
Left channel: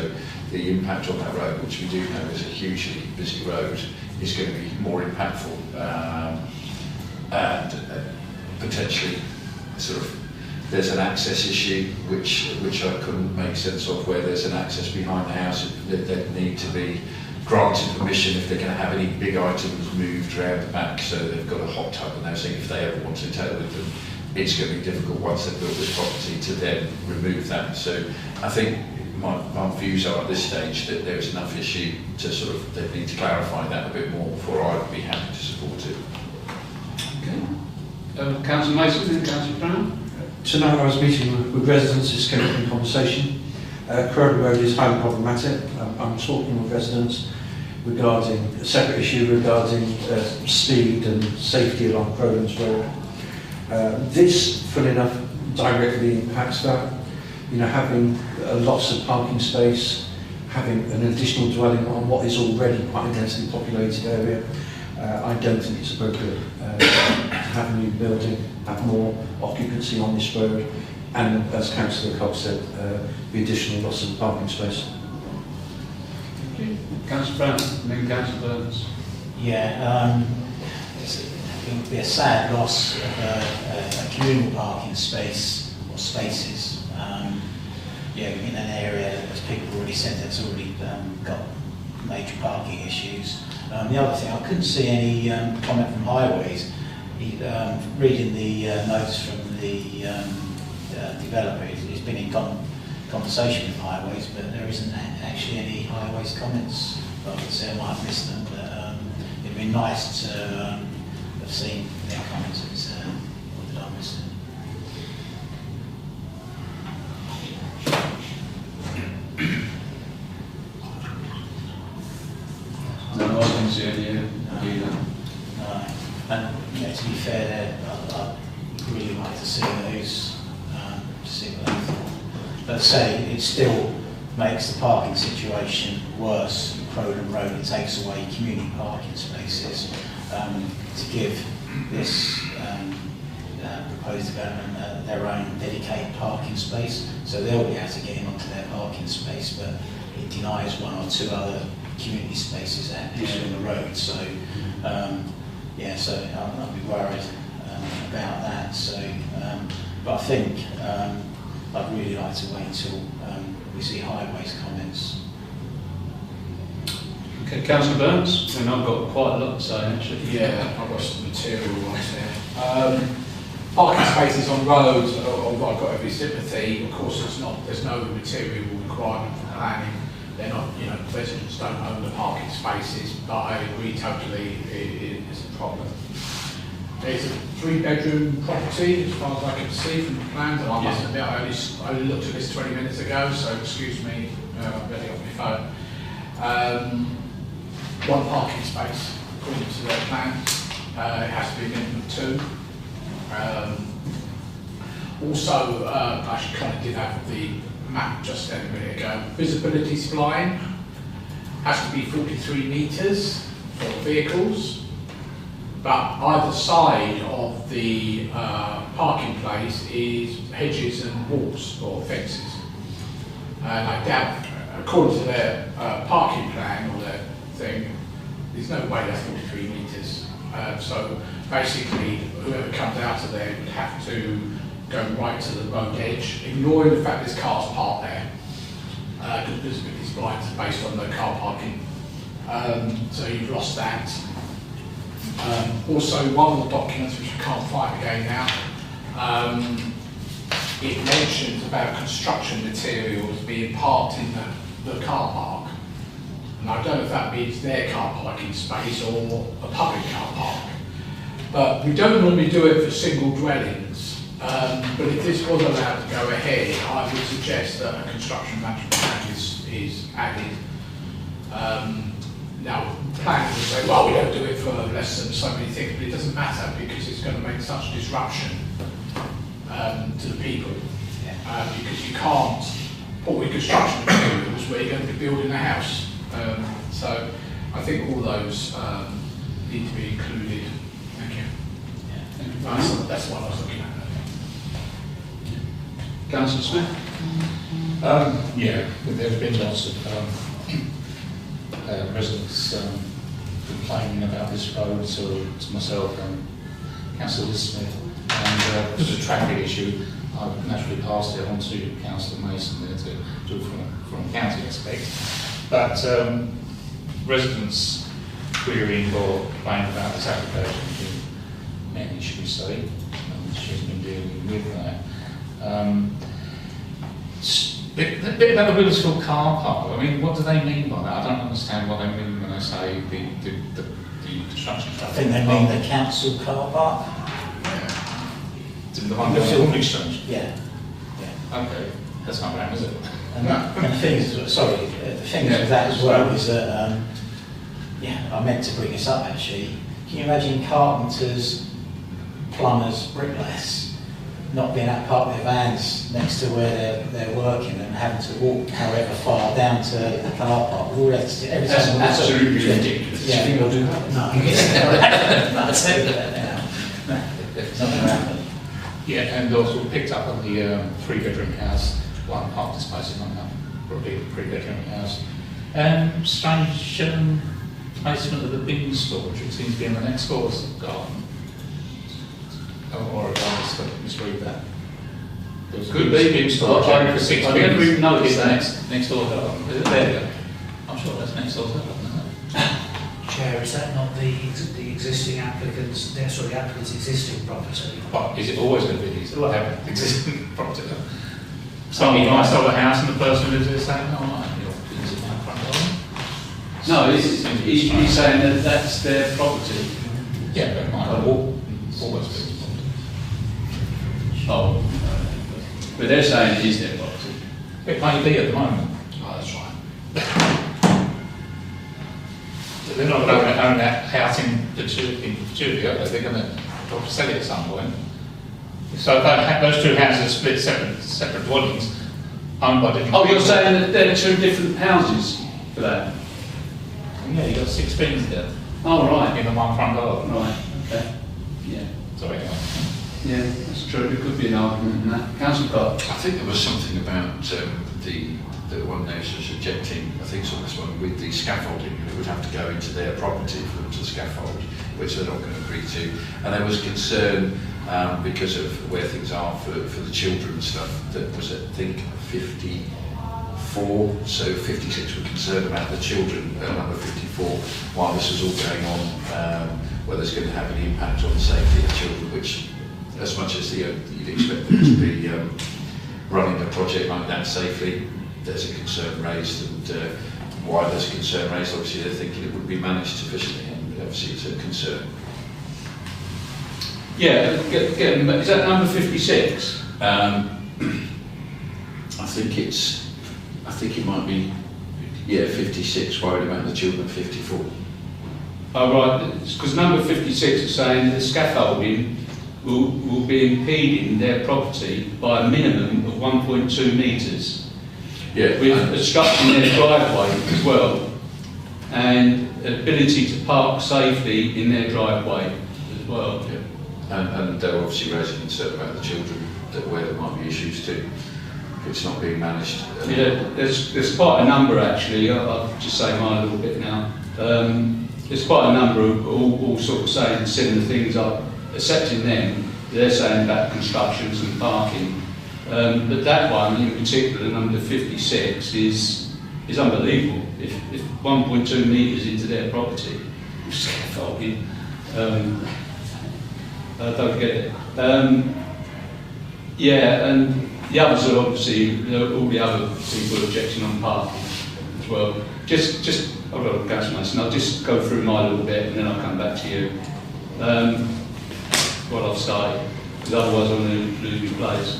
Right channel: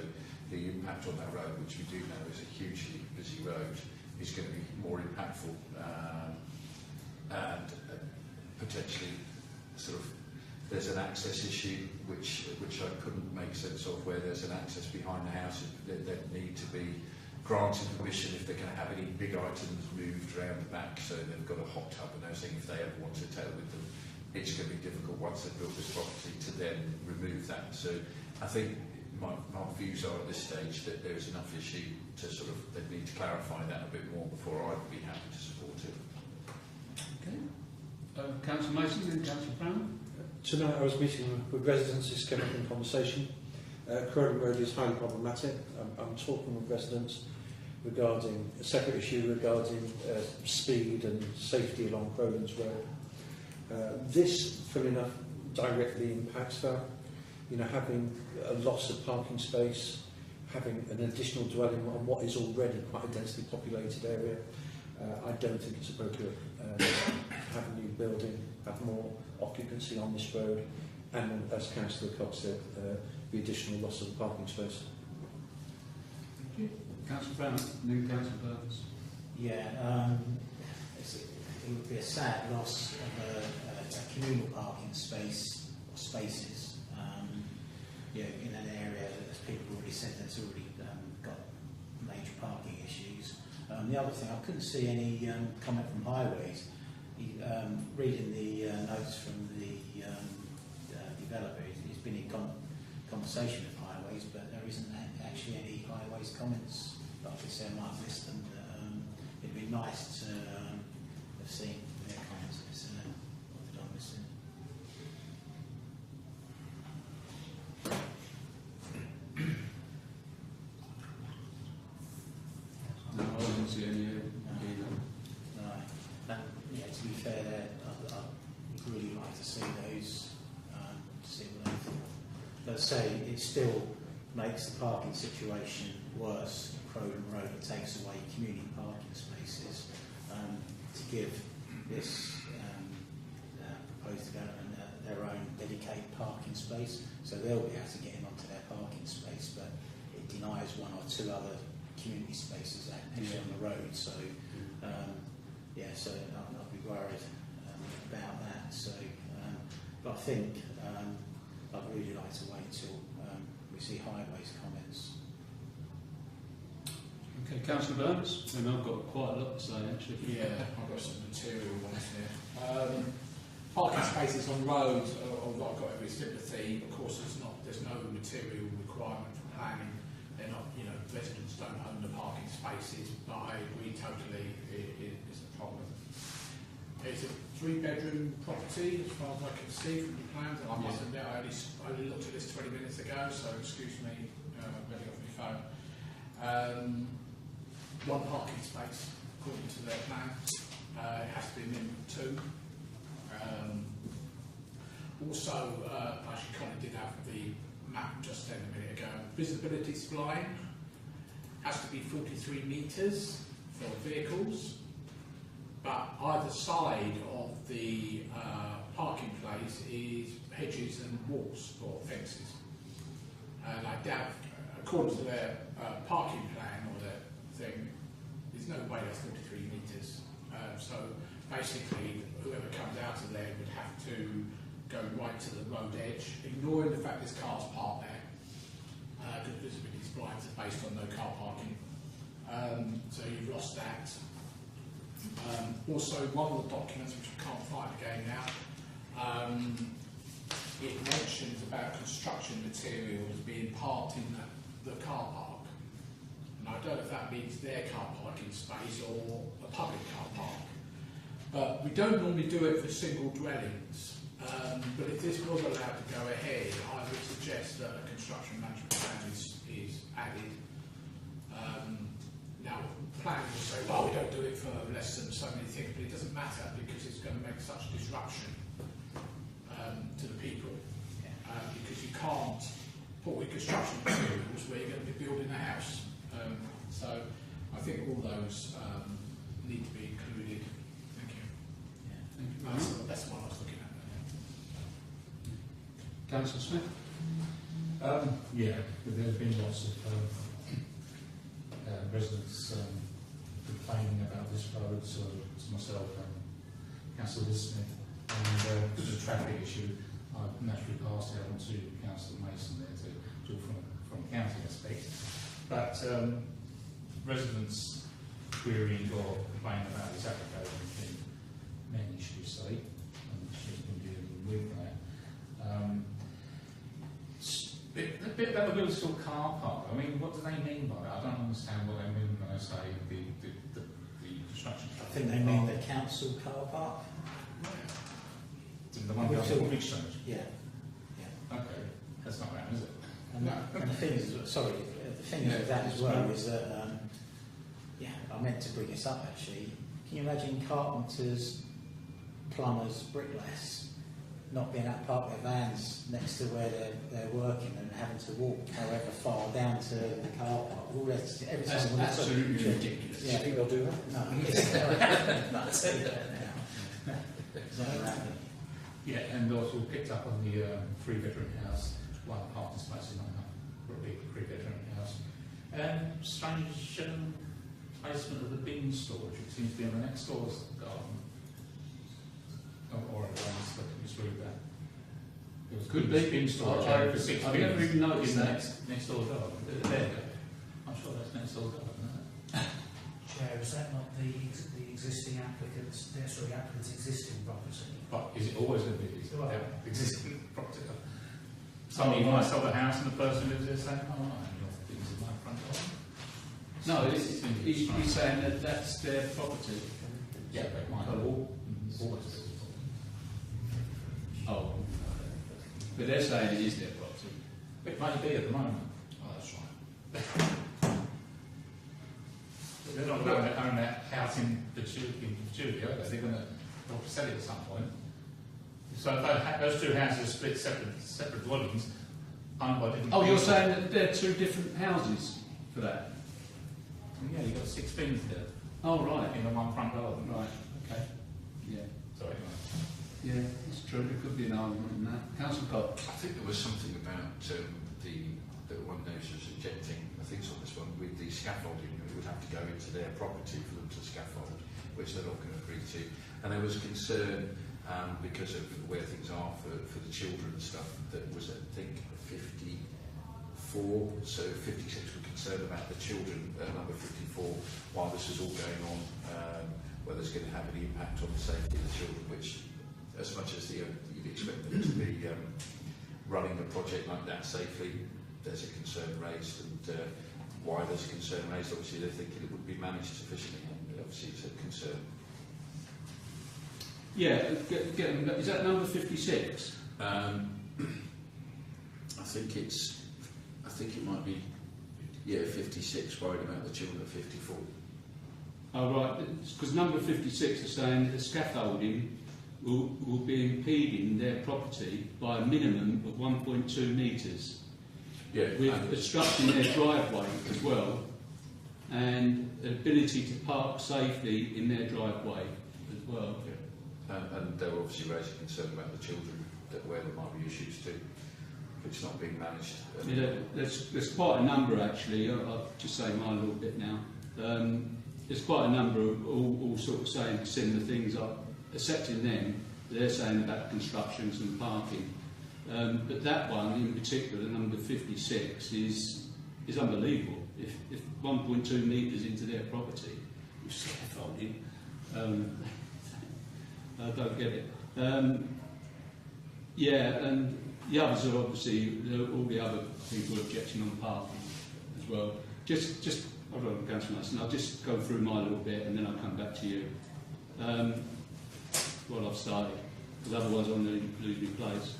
the impact on that road, which we do know is a hugely busy road, is going to be more impactful, and potentially sort of there's an access issue which I couldn't make sense of, where there's an access behind the house that need to be granted permission if they're going to have any big items moved around the back, so they've got a hot tub and everything. If they ever want to take it with them, it's going to be difficult once they've built this property to then remove that. So I think my views are at this stage that there is enough issue to sort of, they need to clarify that a bit more before I'd be happy to support it. Okay. Councillor Mason and Councillor Brown. Tonight I was meeting with residents, this came up in conversation. Croydon Road is highly problematic. I'm talking with residents regarding a separate issue regarding speed and safety along Croydon's Road. This, funnily enough, directly impacts that. You know, having a loss of parking space, having an additional dwelling on what is already quite a densely populated area, I don't think it's appropriate to have a new building, have more occupancy on this road, and as Councillor Cox said, the additional loss of parking space. Councillor Brown and then Councillor Burns. Yeah, it would be a sad loss of a communal parking space or spaces. Yeah, in an area, as people already said, that's already got major parking issues. The other thing, I couldn't see any comment from Highways. Reading the notes from the developer, he's been in conversation with Highways, but there isn't actually any Highways comments. But obviously I might have missed them, but it'd be nice to have seen their comments. Or did I miss them? No, I didn't see any either. And you know, to be fair, I'd really like to see those, to see what they thought. But I say, it still makes the parking situation worse in Croydon Road. It takes away community parking spaces to give this proposed development their own dedicated parking space. So they'll be able to get in onto their parking space, but it denies one or two other community spaces actually on the road. So yeah, so I'll be worried about that. So, but I think I'd really like to wait until we see Highways comments. Okay, Councillor Burns, and I've got quite a lot to say actually. Yeah, I've got some material right here. Parking spaces on roads, although I've got every sympathy, of course there's no material requirement for planning. They're not, you know, residents don't own the parking spaces, but I agree totally it is a problem. It's a 3-bedroom property, as far as I can see from the plans, and I must admit I only looked at this 20 minutes ago, so excuse me, I'm ready off my phone. 1 parking space, according to their plans. It has to be a minimum of 2. Also, I kind of did have the map just then a minute ago. Visibility spline has to be 43 metres for vehicles, but either side of the parking place is hedges and walls or fences. And I doubt, according to their parking plan or their thing, there's no way that's 43 metres. So basically, whoever comes out of there would have to go right to the road edge, ignoring the fact there's cars parked there, because visibility splines are based on no car parking. So you've lost that. Also, one of the documents, which I can't find again now, it mentions about construction materials being parked in the car park. And I don't know if that means their car parking space or a public car park. But we don't normally do it for single dwellings. But if this was allowed to go ahead, I would suggest that a construction management plan is added. Now, planners will say, well, we don't do it for less than so many things, but it doesn't matter because it's going to make such disruption to the people. Because you can't put with construction materials where you're going to be building a house. So I think all those need to be included. Thank you. Thank you. That's Councillor Smith? Yeah, there's been lots of residents complaining about this road to myself and Councillor Smith. And because of a traffic issue, I've naturally passed it on to Councillor Mason there to do from a county aspect. But residents querying or complaining about this application have been many, should we say, and she's been dealing with that. The bit about the Wheatersfield car park, I mean, what do they mean by that? I don't understand what they mean when they say the construction I traffic. think they mean the council car park. The one going on the exchange? Yeah. Okay, that's not bad, is it? And the thing is, the thing is with that as well is that, yeah, I meant to bring this up actually. Can you imagine carpenters, plumbers, bricklayers not being able to park their vans next to where they're working and having to walk however far down to the car park? All that, every That's time absolutely ridiculous. Yeah. Do you think I'll do that? No, I'll tell you that now. It's not going to happen. Yeah, and also picked up on the three-bedroom house, one parking space in London, probably a three-bedroom house. Strange placement of the bin storage, it seems to be in the next door's garden. Or I misread that. There was a Could bin be. storage area for 6 I bins. never even noticed It's that. next door garden. Is it there? I'm sure that's next door's garden, isn't it? Chair, is that not the existing applicant's, the applicant's existing property? But is it always going to be these existing property? So Oh, you right. might sell the house and the person lives there saying, oh, your bins in my front garden. No, he's saying that that's their property. Yeah, but it might always be. Oh, but they're saying it is their property. It may be at the moment. Oh, that's right. They're not going to own that house in perpetuity, are they? They're going to sell it at some point. So if those two houses are split separate dwellings, owned by different Oh, you're people. saying that they're two different houses for that? Yeah, you've got 6 bins there Oh, right. in the one front garden. Right, okay. Yeah. So anyway. Yeah, that's true. There could be an argument in that. Councillor Cott? I think there was something about the one they was rejecting, I think it's on this one, with the scaffolding, it would have to go into their property for them to scaffold, which they're not going to agree to. And there was concern because of where things are for the children and stuff, that was, I think, 54, so 56 were concerned about the children, number 54, while this was all going on, whether it's going to have any impact on the safety of the children, which, as much as you'd expect them to be running a project like that safely, there's a concern raised, and why there's a concern raised, obviously they're thinking it would be managed sufficiently, and obviously it's a concern. Yeah, is that number 56? I think it might be, yeah, 56, worried about the children, 54. Oh, right, because number 56 is saying that the scaffolding will be impeding their property by a minimum of 1.2 metres. Yeah, With obstructing their driveway as well, and ability to park safely in their driveway as well. yeah. And they're obviously raising concern about the children, where there might be issues too, if it's not being managed. Yeah, there's quite a number actually. I'll just say mine a little bit now. There's quite a number of all sort of saying similar things, accepting them. They're saying about constructions and parking. But that one in particular, number 56, is unbelievable. If 1.2 metres into their property, scaffolding, I don't get it. Yeah, and the others are obviously, all the other people objecting on parking as well. Just I've got to Councillor Mason, I'll just go through mine a little bit and then I'll come back to you. What I've started, because otherwise I'm going to lose my place.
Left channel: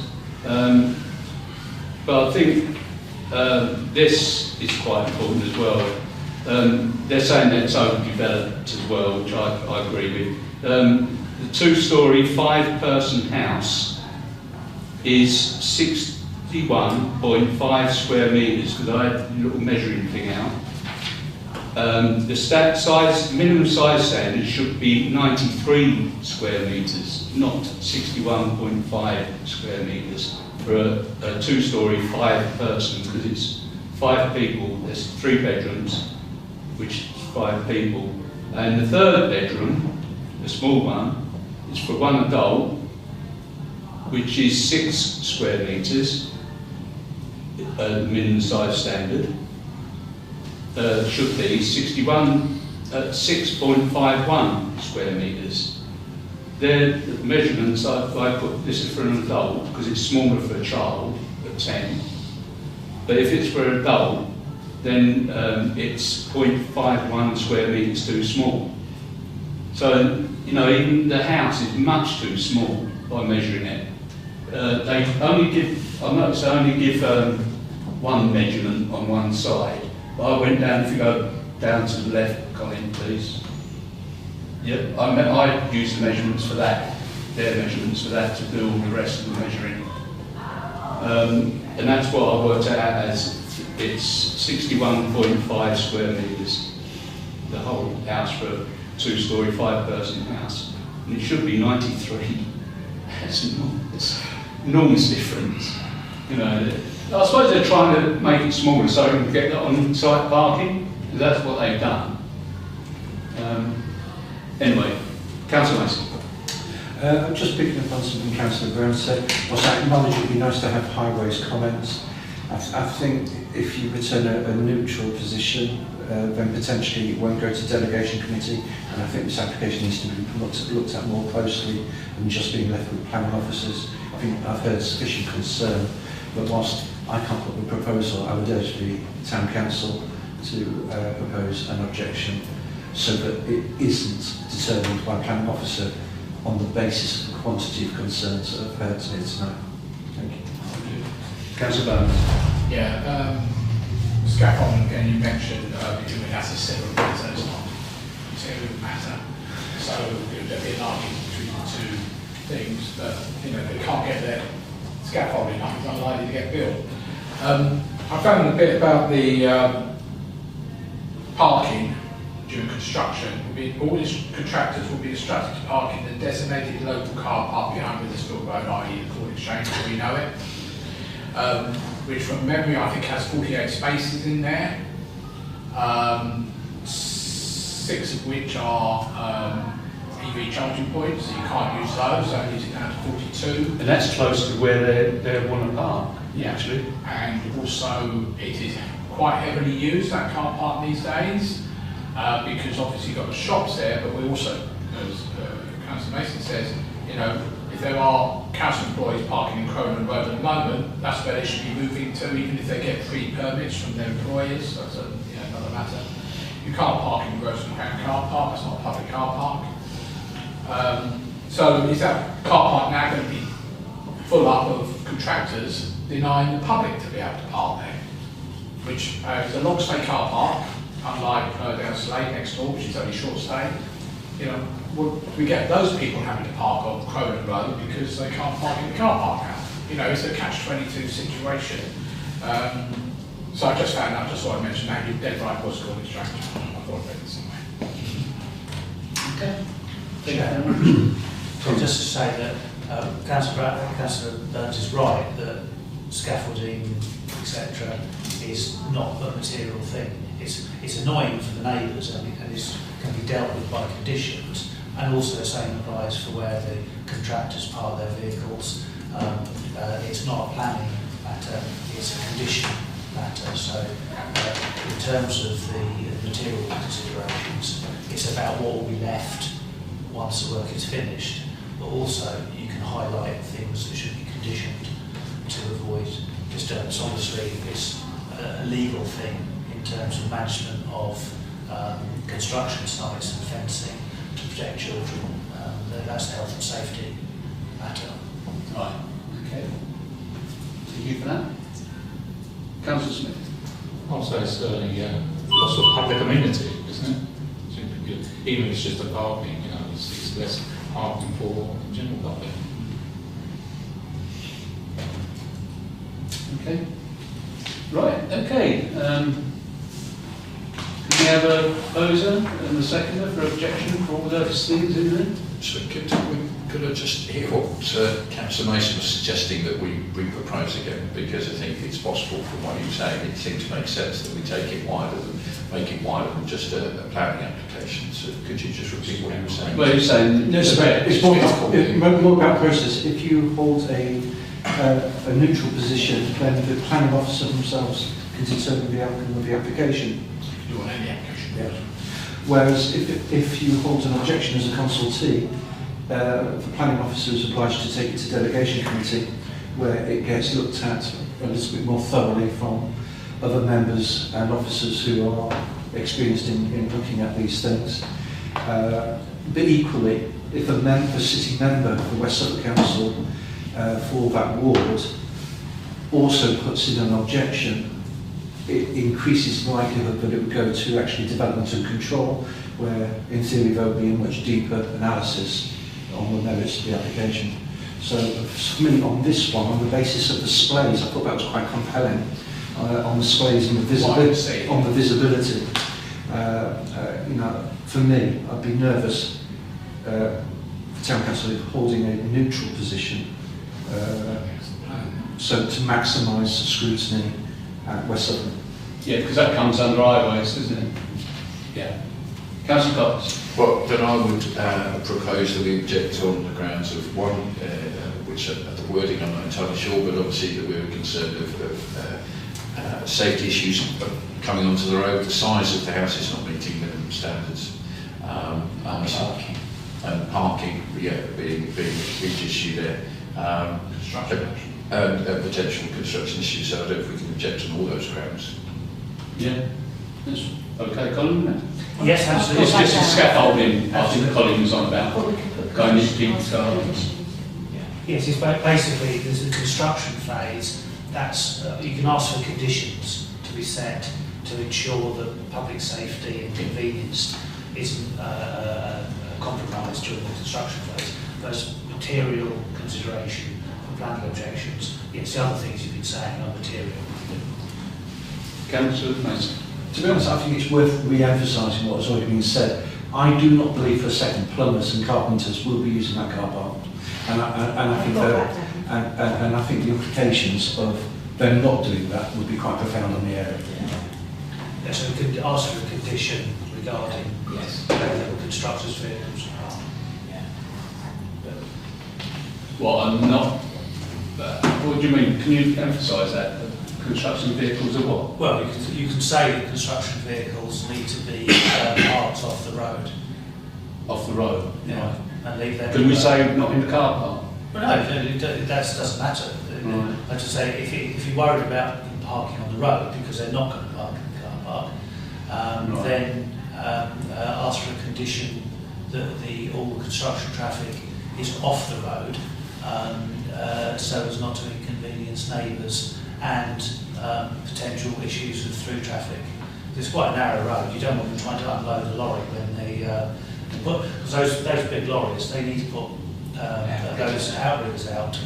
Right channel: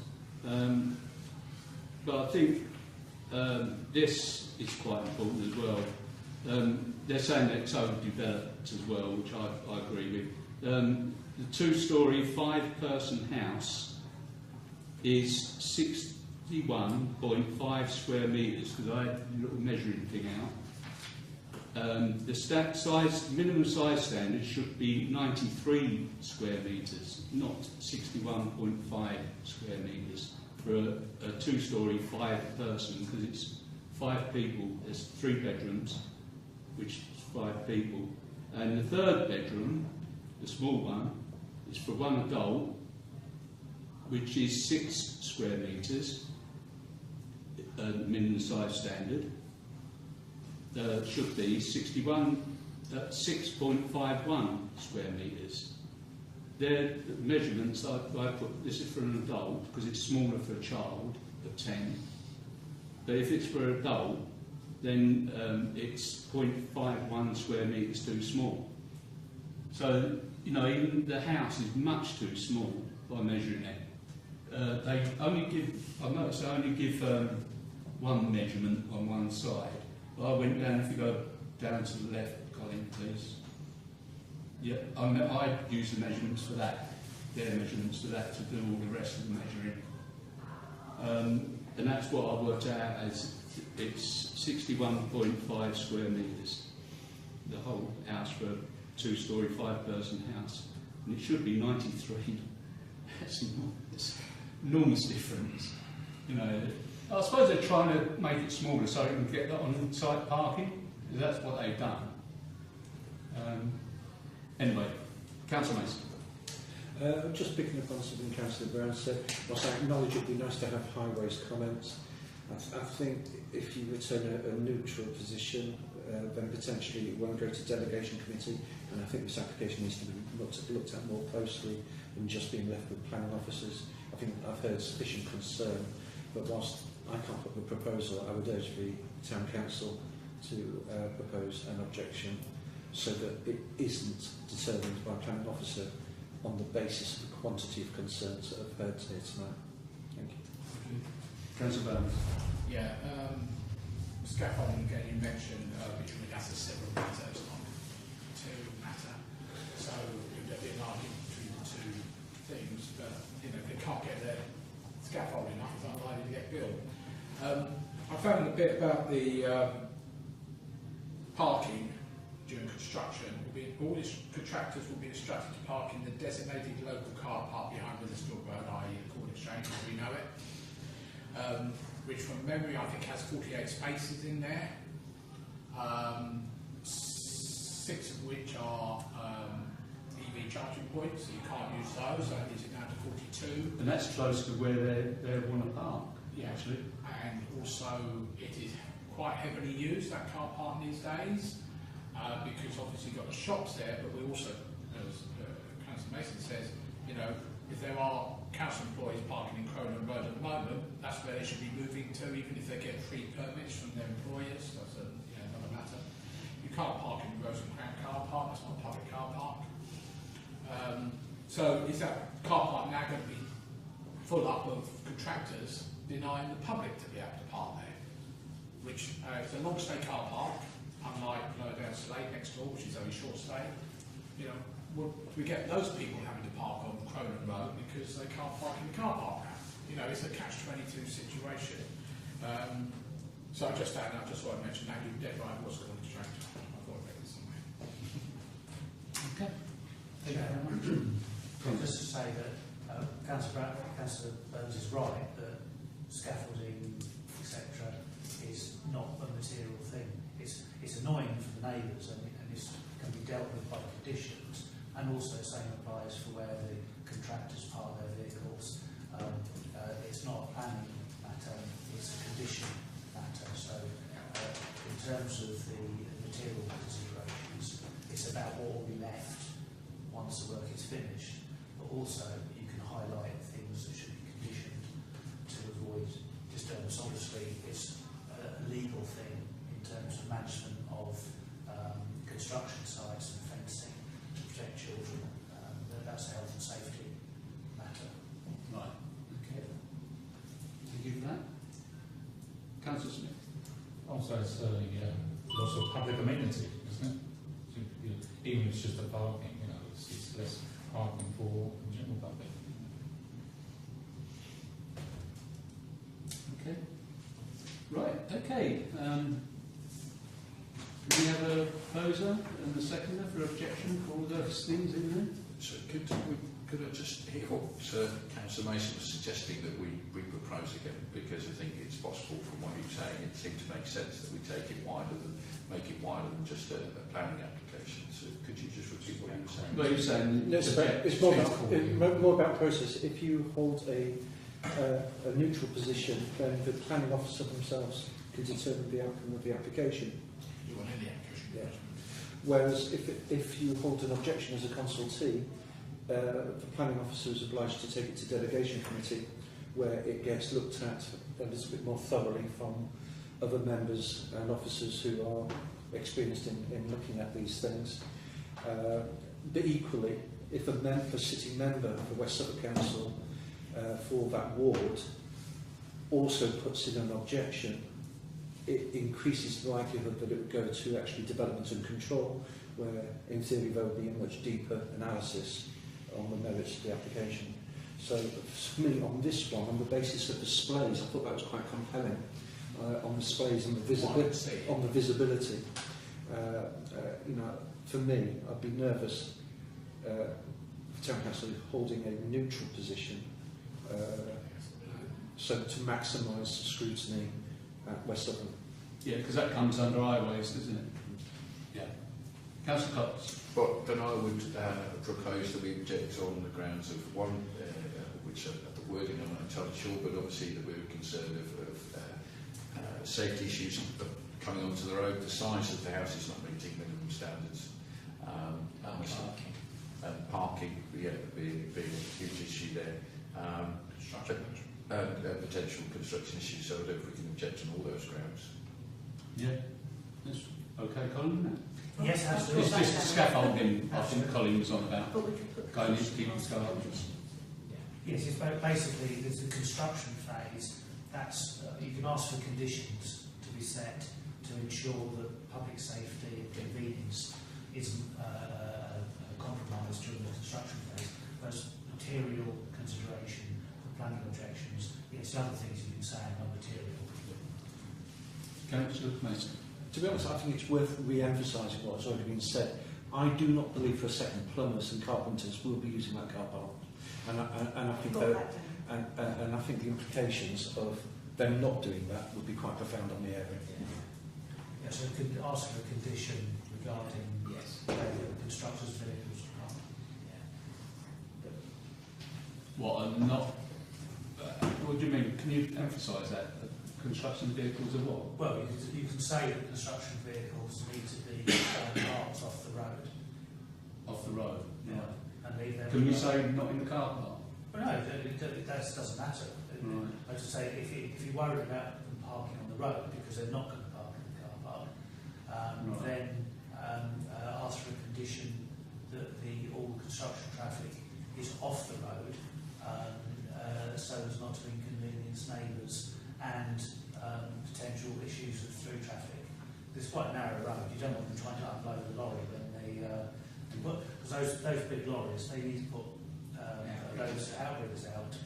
But I think this is quite important as well. They're saying that it's overdeveloped as well, which I agree with. The 2-storey, 5-person house is 61.5 square metres, because I had a little measuring thing out. minimum size standard should be 93 square metres, not 61.5 square metres for a two-storey, five-person, because it's 5 people. There's 3 bedrooms, which is 5 people, and the third bedroom, the small one, is for 1 adult, which is 6 square metres, minimum size standard. Should be 6.51 square metres. They're the measurements I put. This is for an adult because it's smaller for a child at 10. But if it's for an adult, then it's 0.51 square metres too small. So, you know, even the house is much too small by measuring it. They only give, I noticed they only give one measurement on one side. But I went down, if you go down to the left, Colin, please. Yep, I used the measurements for that, their measurements for that to do all the rest of the measuring. And that's what I worked out as, it's 61.5 square metres, the whole house for a two-storey, 5-person house. And it should be 93. That's enormous difference. You know, I suppose they're trying to make it smaller so they can get that on-site parking. That's what they've done. Anyway, Councillor Mason. I'm just picking up on something Councillor Brown said. Whilst I acknowledge it would be nice to have highways comments, I think if you return a neutral position, then potentially it won't go to delegation committee, and I think this application needs to be looked at more closely than just being left with planning officers. I think I've heard sufficient concern, but whilst I can't put the proposal, I would urge the Town Council to propose an objection so that it isn't determined by a planning officer on the basis of the quantity of concerns that I've heard here tonight. Thank you. Councillor Bowman. Yeah, scaffolding again, you mentioned between that's a separate matter, it's not a material matter. So there'll be an argument between the two things, but you know, they can't get their scaffolding up, it's unlikely to get built. I found a bit about the parking during construction. All these contractors will be instructed to park in the designated local car park behind Withersfield Road, i.e. the Court Exchange as we know it, which from memory I think has 48 spaces in there, 6 of which are EV charging points, so you can't use those, so it needs it down to 42. And that's close to where they want to park, Yeah. actually. And also it is quite heavily used, that car park these days, because obviously you've got the shops there, but we also, as Councillor Mason says, you know, if there are council employees parking in Cronin Road at the moment, that's where they should be moving to, even if they get free permits from their employers. That's another matter. You can't park in the Grosvenor Crown car park, that's not a public car park. So is that car park now going to be full up of contractors denying the public to be able to park there? Which is a long stay car park, unlike down Slade next door, which is only short stay. You know, we get those people having to park on Cronin Road because they can't park in the car park now. You know, it's a catch-22 situation. So I just found out, just thought I'd mention that, you're dead right, was called distraction. I thought I'd read it somewhere. Okay. So just to say that Councillor Burns is right that scaffolding, etc., is not a material thing. It's annoying for the neighbours and it can be dealt with by conditions, and also the same applies for where the contractors park their vehicles. It's not a planning matter, it's a condition matter. So in terms of the material considerations, it's about what will be left once the work is finished, but also you can highlight things that should be conditioned to avoid disturbance. Obviously, it's a legal thing in terms of management of construction sites and fencing to protect children. That's a health and safety matter. Right, okay. Thank you for that. Councillor Smith. I'll say it's loss of public amenity, isn't it? Even if it's just a parking, you know, it's less parking for the general public. Okay. Right, okay. Can we have a proposer and a seconder for objection for all those things in there? So could I just hear what Councillor Mason was suggesting that we propose again? Because I think it's possible from what you're saying, it seems to make sense that we make it wider than just a planning application. So could you just repeat what you were saying? Well, you're saying No, it's more about process. If you hold a neutral position, then the planning officer themselves can determine the outcome of the application. You want any application? Yeah. Whereas if you hold an objection as a consultee, the planning officer is obliged to take it to delegation committee, where it gets looked at a little bit more thoroughly from other members and officers who are experienced in looking at these things. But equally, if a sitting member of the West Suffolk Council for that ward also puts in an objection, it increases the likelihood that it would go to actually development and control, where in theory there would be a much deeper analysis on the merits of the application. So for me, on this one, on the basis of the displays, I thought that was quite compelling. On the displays and the visibility, you know, for me, I'd be nervous for Town Council holding a neutral position, so to maximise scrutiny at West Suffolk. Yeah, because that comes under highways, doesn't it? Yeah. Councillor Cox. Well, then I would propose that we object on the grounds of one, which at the wording I'm not entirely sure, but obviously that we're concerned of safety issues coming onto the road, the size of the house is not meeting minimum standards, and parking, yeah, being a big issue there, and potential construction issues. So I don't know if we can object on all those grounds. Yeah. That's okay, Colin. Yes, absolutely. It's just the scaffolding, I think Colin was on about, What we could put going into condition people's on gardens. Yes, it's basically there's a construction phase. That's you can ask for conditions to be set to ensure that public safety and convenience isn't compromised during the construction phase. Those material consideration for planning objections. Yes, the other things you've been saying are material. Councillor Mason. To be honest, I think it's worth re-emphasising what has already been said. I do not believe for a second plumbers and carpenters will be using that car park, and I think the implications of them not doing that would be quite profound on the area. Yeah, so we could ask for a condition regarding constructors' vehicles. What, I'm not... what do you mean? Can you emphasise that? Construction vehicles are what? Well, you can say that construction vehicles need to be parked off the road. Off the road? Yeah. Right. And leave them. Could we say not in the car park? Well, no, that doesn't matter. Right. I just say if you're worried about them parking on the road because they're not going to park in the car park, Right. then ask for a condition that all the construction traffic is off the road, so as not to inconvenience neighbours and potential issues with through traffic. It's quite a narrow road. You don't want them trying to unload a lorry when they because those big lorries, they need to put those outriggers out,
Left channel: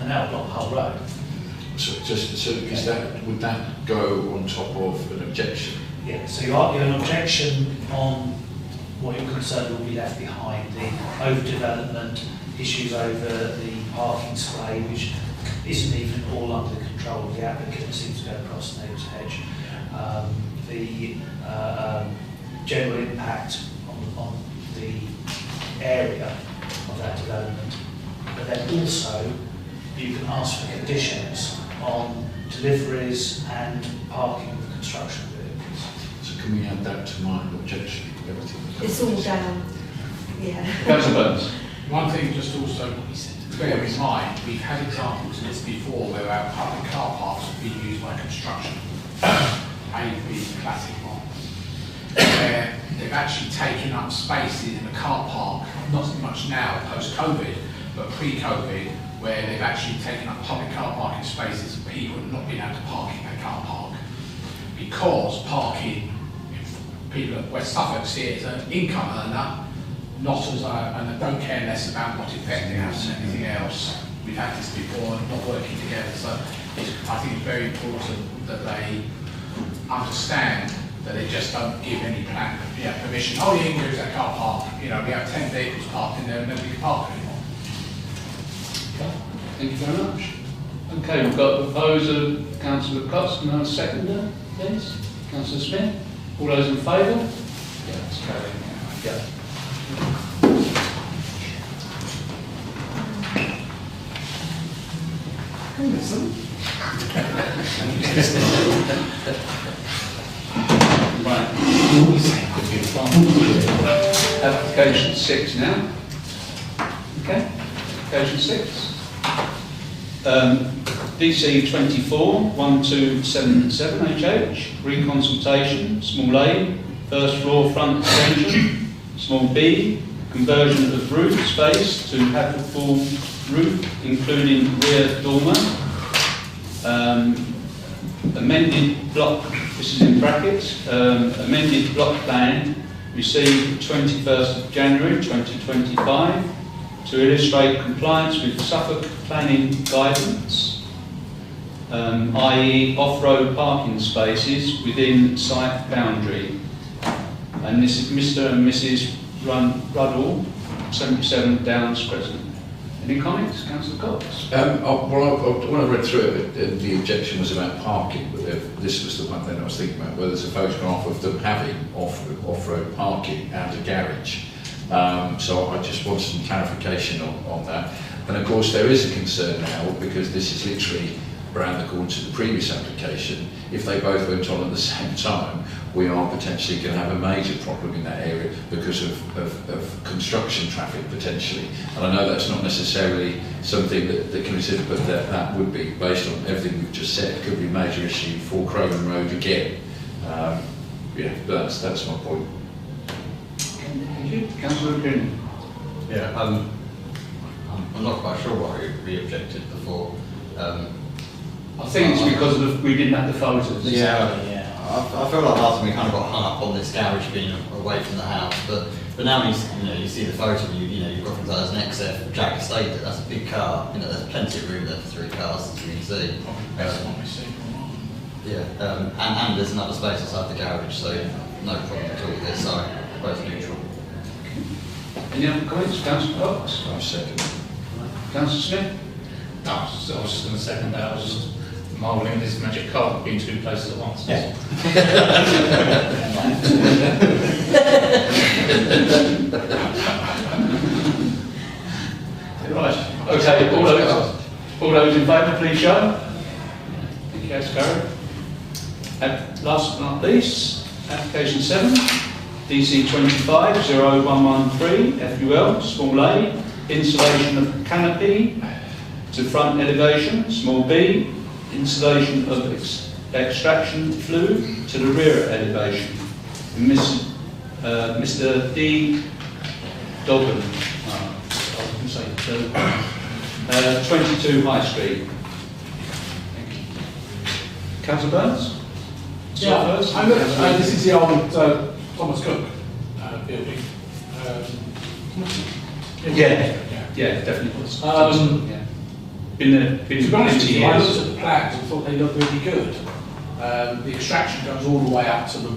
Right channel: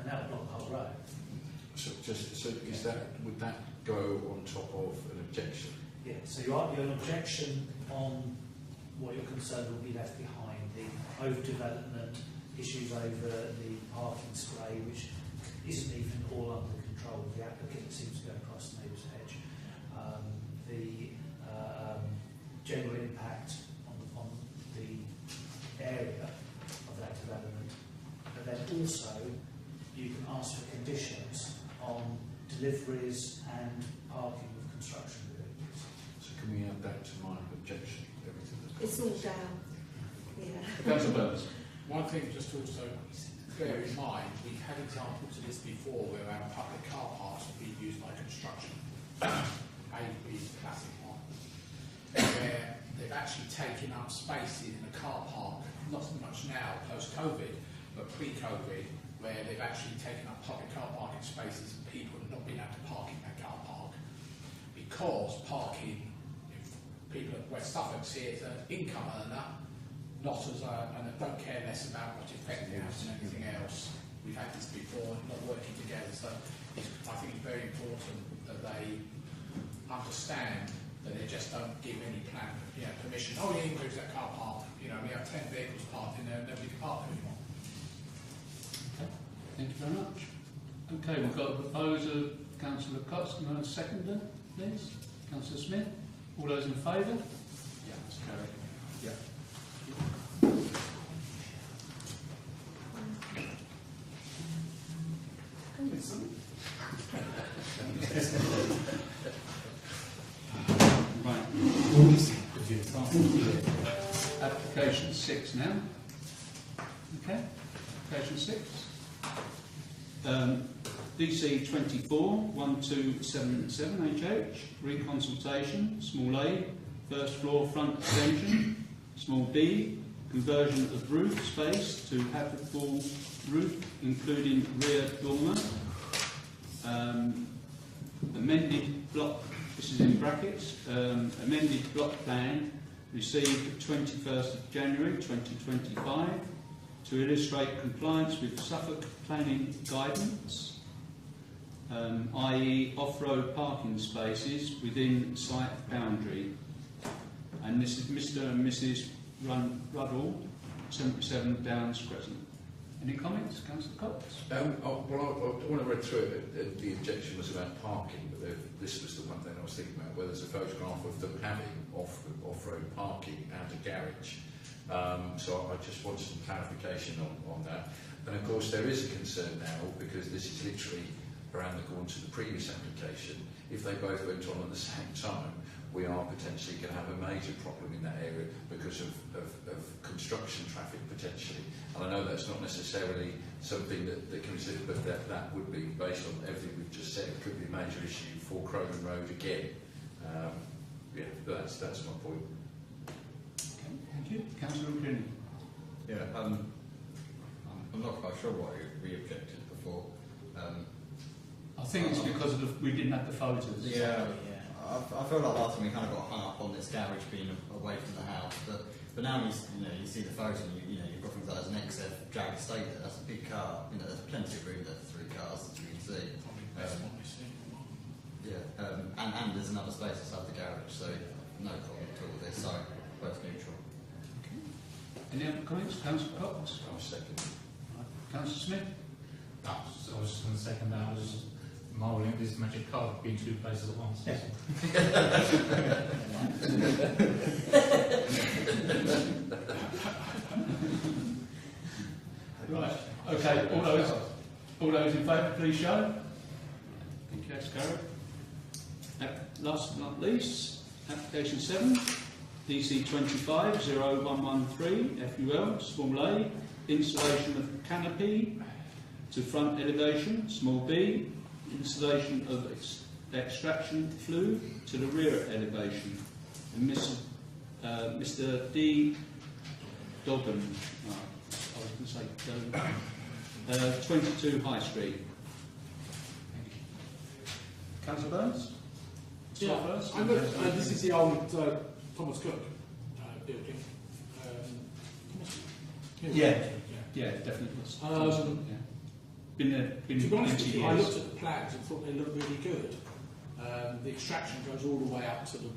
and that will block the whole road. So is that, would that go on top of an objection? Yeah. So you have an objection on what you're concerned will be left behind, the overdevelopment, issues over the parking display, which isn't even all under the control of the applicant, seems to go across the neighbour's hedge. The general impact on the area of that development, but then also you can ask for conditions on deliveries and parking of construction vehicles. So can we add that to my objection? Everything. It's all down, yeah. Councillor Burns. One thing just also bear in mind, we've had examples of this before where our public car parks have been used by construction, A being the classic one, where they've actually taken up spaces in the car park, not so much now post-COVID, but pre-COVID, where they've actually taken up public car parking spaces and people have not been able to park in their car park. Because parking, people at West Suffolk see it as an income earner, not as and they don't care less about what effect it has on anything else. We've had this before and not working together, so I think it's very important that they understand that they just don't give any plan, permission. Oh, you can use that car park. You know, we have 10 vehicles parked in there and nobody can park anymore. Okay, thank you very much. Okay, we've got a proposer, Councillor Cox, and a seconder, please. Councillor Smith. All those in favour? Yeah, that's carried. Yeah. Right. Application 6 now. Okay, application 6. DC 24 1277 HH, reconsultation, small a, first floor front extension, small b, conversion of roof space to Haverhill roof, including rear dormer, amended block, this is in brackets, amended block plan received 21st of January 2025 to illustrate compliance with Suffolk planning guidance, i.e. off-road parking spaces within site boundary. And this is Mr. and Mrs. Ruddle, 77 Downs Crescent. Any comments, Councillor Cox? When I read through it, the objection was about parking, but this was the one thing I was thinking about, where there's a photograph of them having off-road parking and a garage. So I just want some clarification on that. And of course there is a concern now, because this is literally around the corner to the previous application. If they both went on at the same time, we are potentially going to have a major problem in that area because of construction traffic potentially. And I know that's not necessarily something that can be considered, but that would be, based on everything we've just said, could be a major issue for Crowland Road again. Yeah, but that's my point. Thank you. Councillor Green. Yeah, I'm not quite sure why we objected before. I think it's because we didn't have the photos. Yeah. I feel like last time we kind of got hung up on this garage being away from the house, but now you see the photo, you've got things like there's an XF Jack Estate, that's a big car. There's plenty of room there for 3 cars, as you can see. And there's another space outside the garage, so no problem at all with this side, both neutral. Any other comments, Councillor Cox? I second. Councillor Smith? No, I was just going to second that. I was just marvelling at this magic carpet being 2 places at once. Yeah. Right. Okay. All those in favour, please show. Thank you. That's carried. Last but not least, application 7, DC 25 0113 FUL, small a, installation of canopy to front elevation, small b, installation of extraction flue to the rear elevation. Mr. D. Dobbin, I was going to say 22 High Street. Thank you. Councillor Burns? Yeah, this is the old Thomas Cook building. Yeah, definitely was. To be honest with you, I looked years. at the plans and thought they looked really good. The extraction goes all the way up to the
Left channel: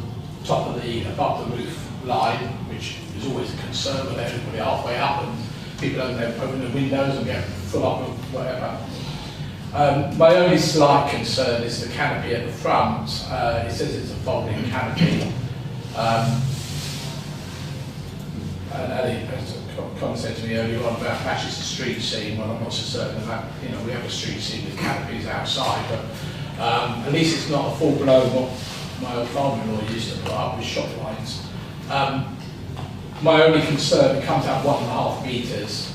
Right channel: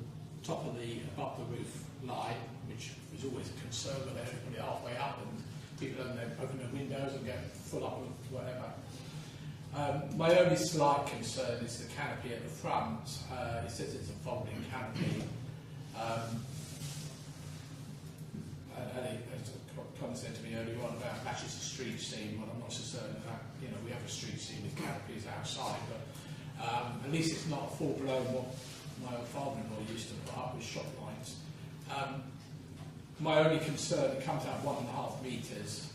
top of above the roof line, which is always a concern with everybody halfway up, and people don't open the windows and get full up of whatever. My only slight concern is the canopy at the front. It says it's a folding canopy. And Ali said to me earlier on about matches the street scene. Well, I'm not so certain about, we have a street scene with canopies outside, but at least it's not a full-blown what my old father-in-law used to put up with shop lines. My only concern, it comes out 1.5 metres.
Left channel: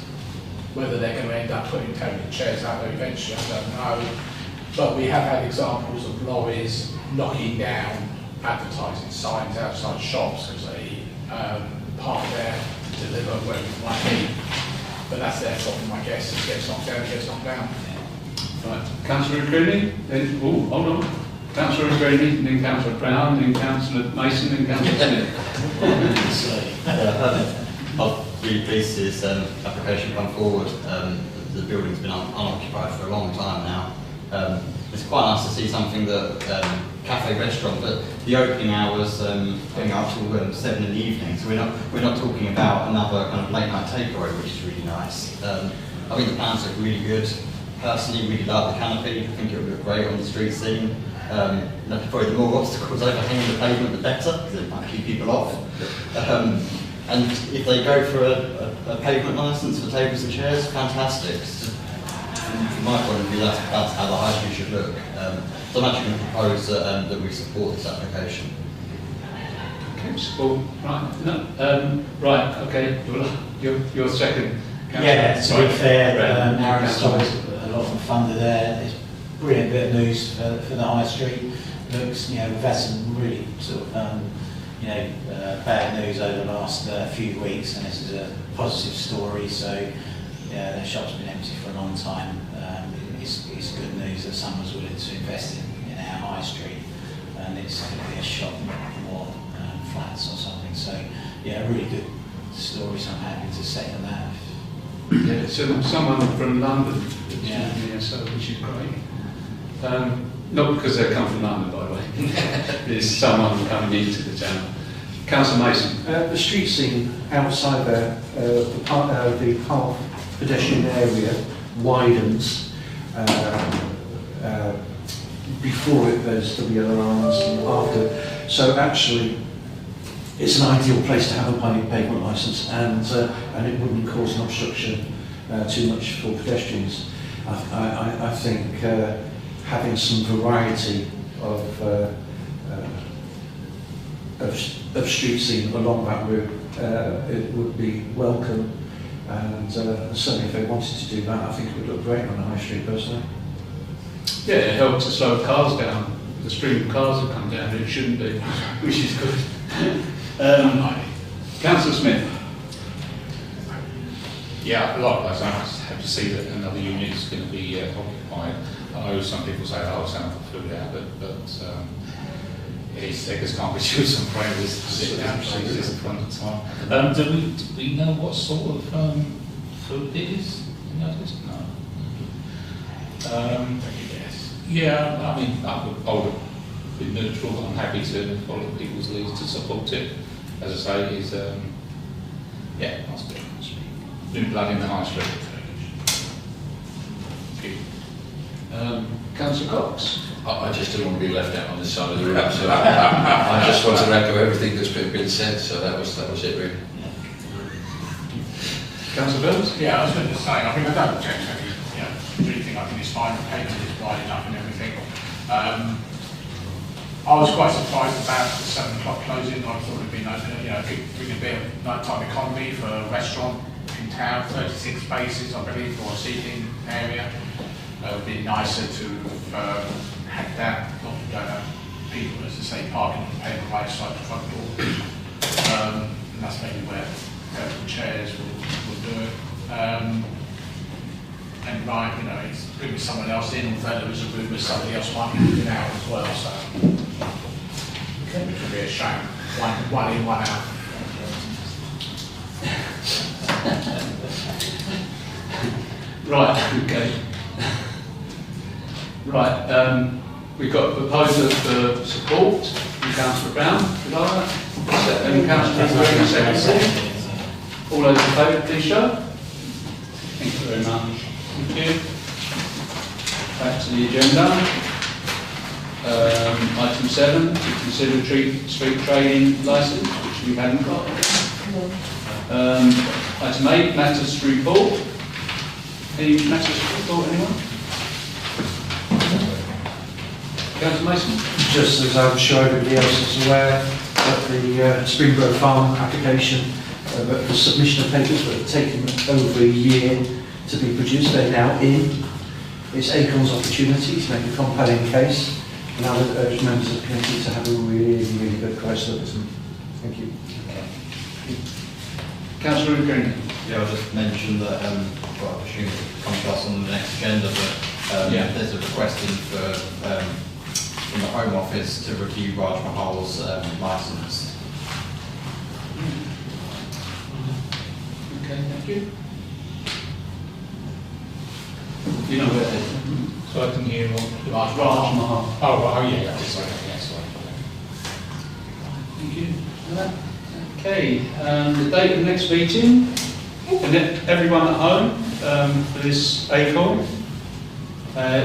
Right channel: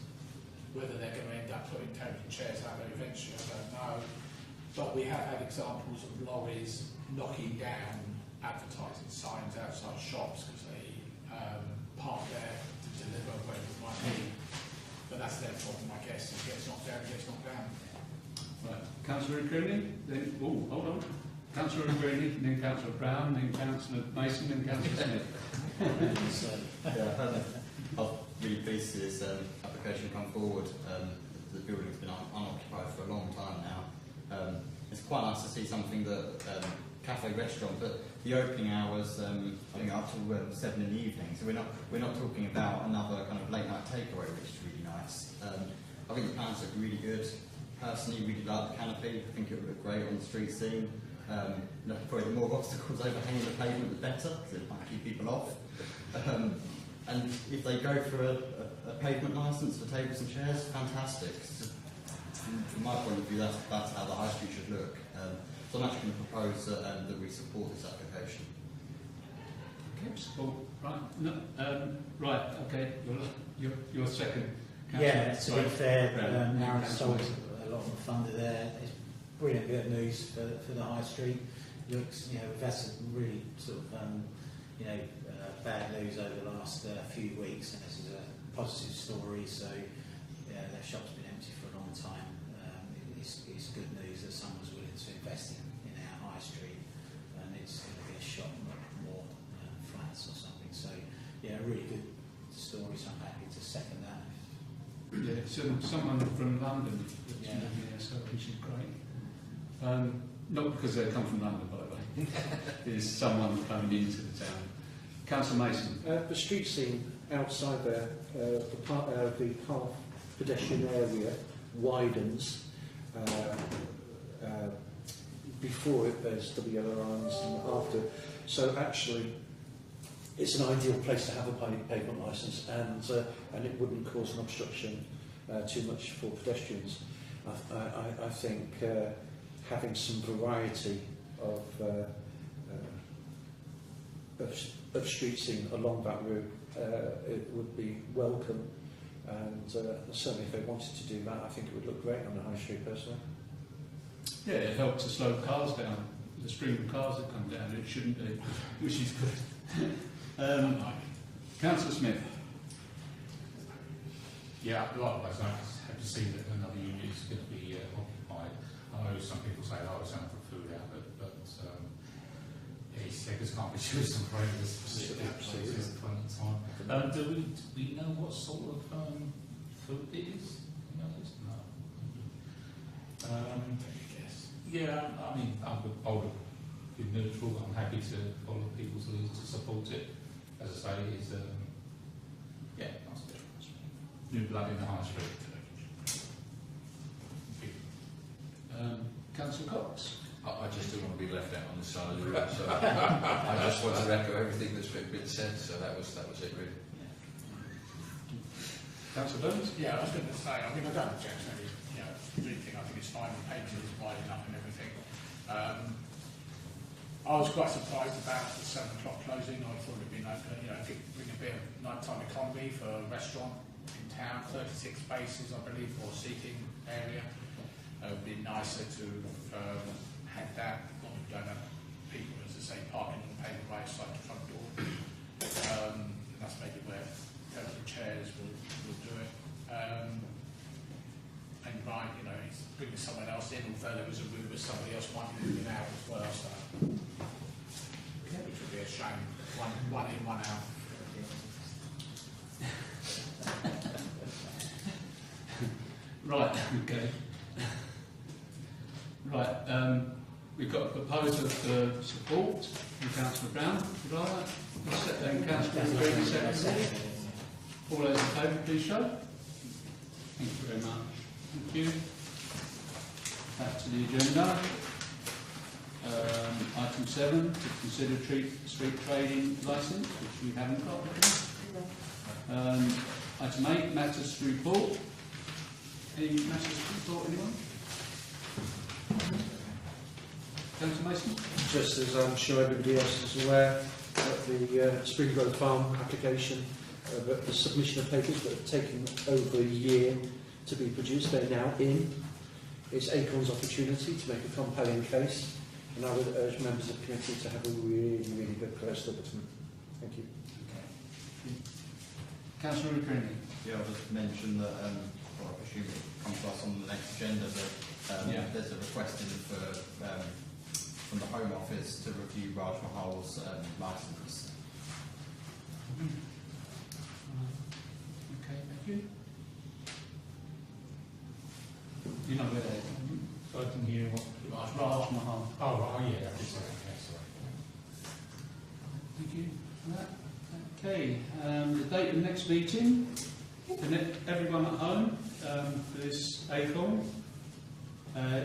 Whether they're going to end up putting table chairs out there eventually, I don't know. But we have had examples of lorries knocking down advertising signs outside shops because they park there to deliver wherever it might be. But that's their problem, I guess. If it gets knocked down, it gets knocked down. Right. Councillor Greeley, then, hold on. Councillor Greeley, then Councillor Brown, then Councillor Mason, then Councillor Smith. I'm really pleased to see this application come forward. The building's been unoccupied for a long time now. It's quite nice to see something that cafe restaurant, but the opening hours going up till 7 in the evening. So we're not talking about another kind of late night takeaway, which is really nice. I think the plans look really good. Personally, really like the canopy. I think it would look great on the street scene. Probably the more obstacles overhanging the pavement, the better, because it might keep people off. And if they go for a pavement licence for tables and chairs, fantastic. From my point of view, that's how the high street should look. So I'm actually going to propose that we support this application. Okay, support. Right. No. Right. Okay. Your second. Yeah, to be fair, Aaron's Councillor. always a lot of the funder there. It's a brilliant bit of news for the high street. Looks, we've had some really sort of, bad news over the last few weeks, and this is a positive story. So, yeah, the shop's been empty for a long time. It's good news that someone's willing to invest in our high street, and it's going to be a shop, more flats or something. So, yeah, a really good story. So I'm happy to second that. Yeah, so someone from London, Yeah. so which is great. Not because they come from London, by the way. There's someone coming into the town. Councillor Mason. The street scene outside there, the path pedestrian area widens. Before it, there's WLRs and after. So actually, it's an ideal place to have a pavement licence, and it wouldn't cause an obstruction too much for pedestrians. I think having some variety of street scene along that route, it would be welcome, and certainly if they wanted to do that, I think it would look great on the high street personally. Yeah, it helps to slow cars down. The stream of cars that come down, it shouldn't be, which is good. Councillor Smith. Yeah, likewise, I have to see that another unit is going to be occupied. I know some people say, oh, it's not food out, but it's beggars can't be choosers and prayers sit down in front of time. Do we know what sort of food it is? No. Yeah, I mean, I would be neutral, but I'm happy to follow people's leads to support it. As I say, is nice bit. New blood in the high street. Councillor Cox. I just didn't want to be left out on this side of the room, so I just want to echo everything that's been said, so that was it really. Councillor Bills. Yeah, I was going to say, I mean, I don't object to any, anything. I think it's fine, the paper is wide enough and everything. I was quite surprised about the 7 o'clock closing. I thought it'd be nice, bring a bit of nighttime economy for a restaurant in town, 36 spaces, I believe, for a seating area. It would be nicer to have that, not to go have people, as I say, parking on the pavement right side the front door. And that's maybe where chairs will do it. And right, it's bringing someone else in, although there was a rumour somebody else might be moving out as well, so it would be a shame. One in, one out. Right, okay. Right, we've got a proposal for support from Councillor Brown. Could I? And Councillor Green, second. All those in favour, please show. Thank you very much. Thank you. Back to the agenda. Item 7, to consider street trading licence, which we haven't got. Item 8, matters to report. Any matters to report, anyone? Councillor Mason. Just as I'm sure everybody else is aware, that the Springboro Farm application, the submission of papers that have taken over a year to be produced, they're now in. It's Acorn's opportunity to make a compelling case, and I would urge members of the committee to have a really, really good close look at them. Thank you. Councillor Green. Yeah, I'll just mention that, well, I presume it'll come to us on the next agenda, but there's a request in from the Home Office to review Raj Mahal's licence. Okay, thank you. You know where So I can hear what... Raj Raj Mahal. Mahal. Oh, right, oh, yeah, sorry, yeah, sorry. Thank you. Okay, the date of the next meeting, and everyone at home for this ACOL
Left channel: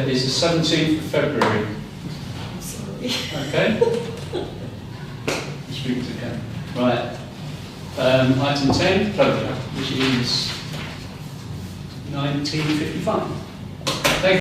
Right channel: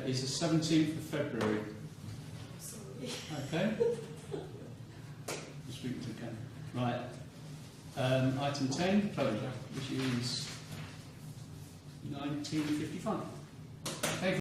is the 17th of February. Okay? Speak to Ken. Right. Item 10, closure, which is 1955.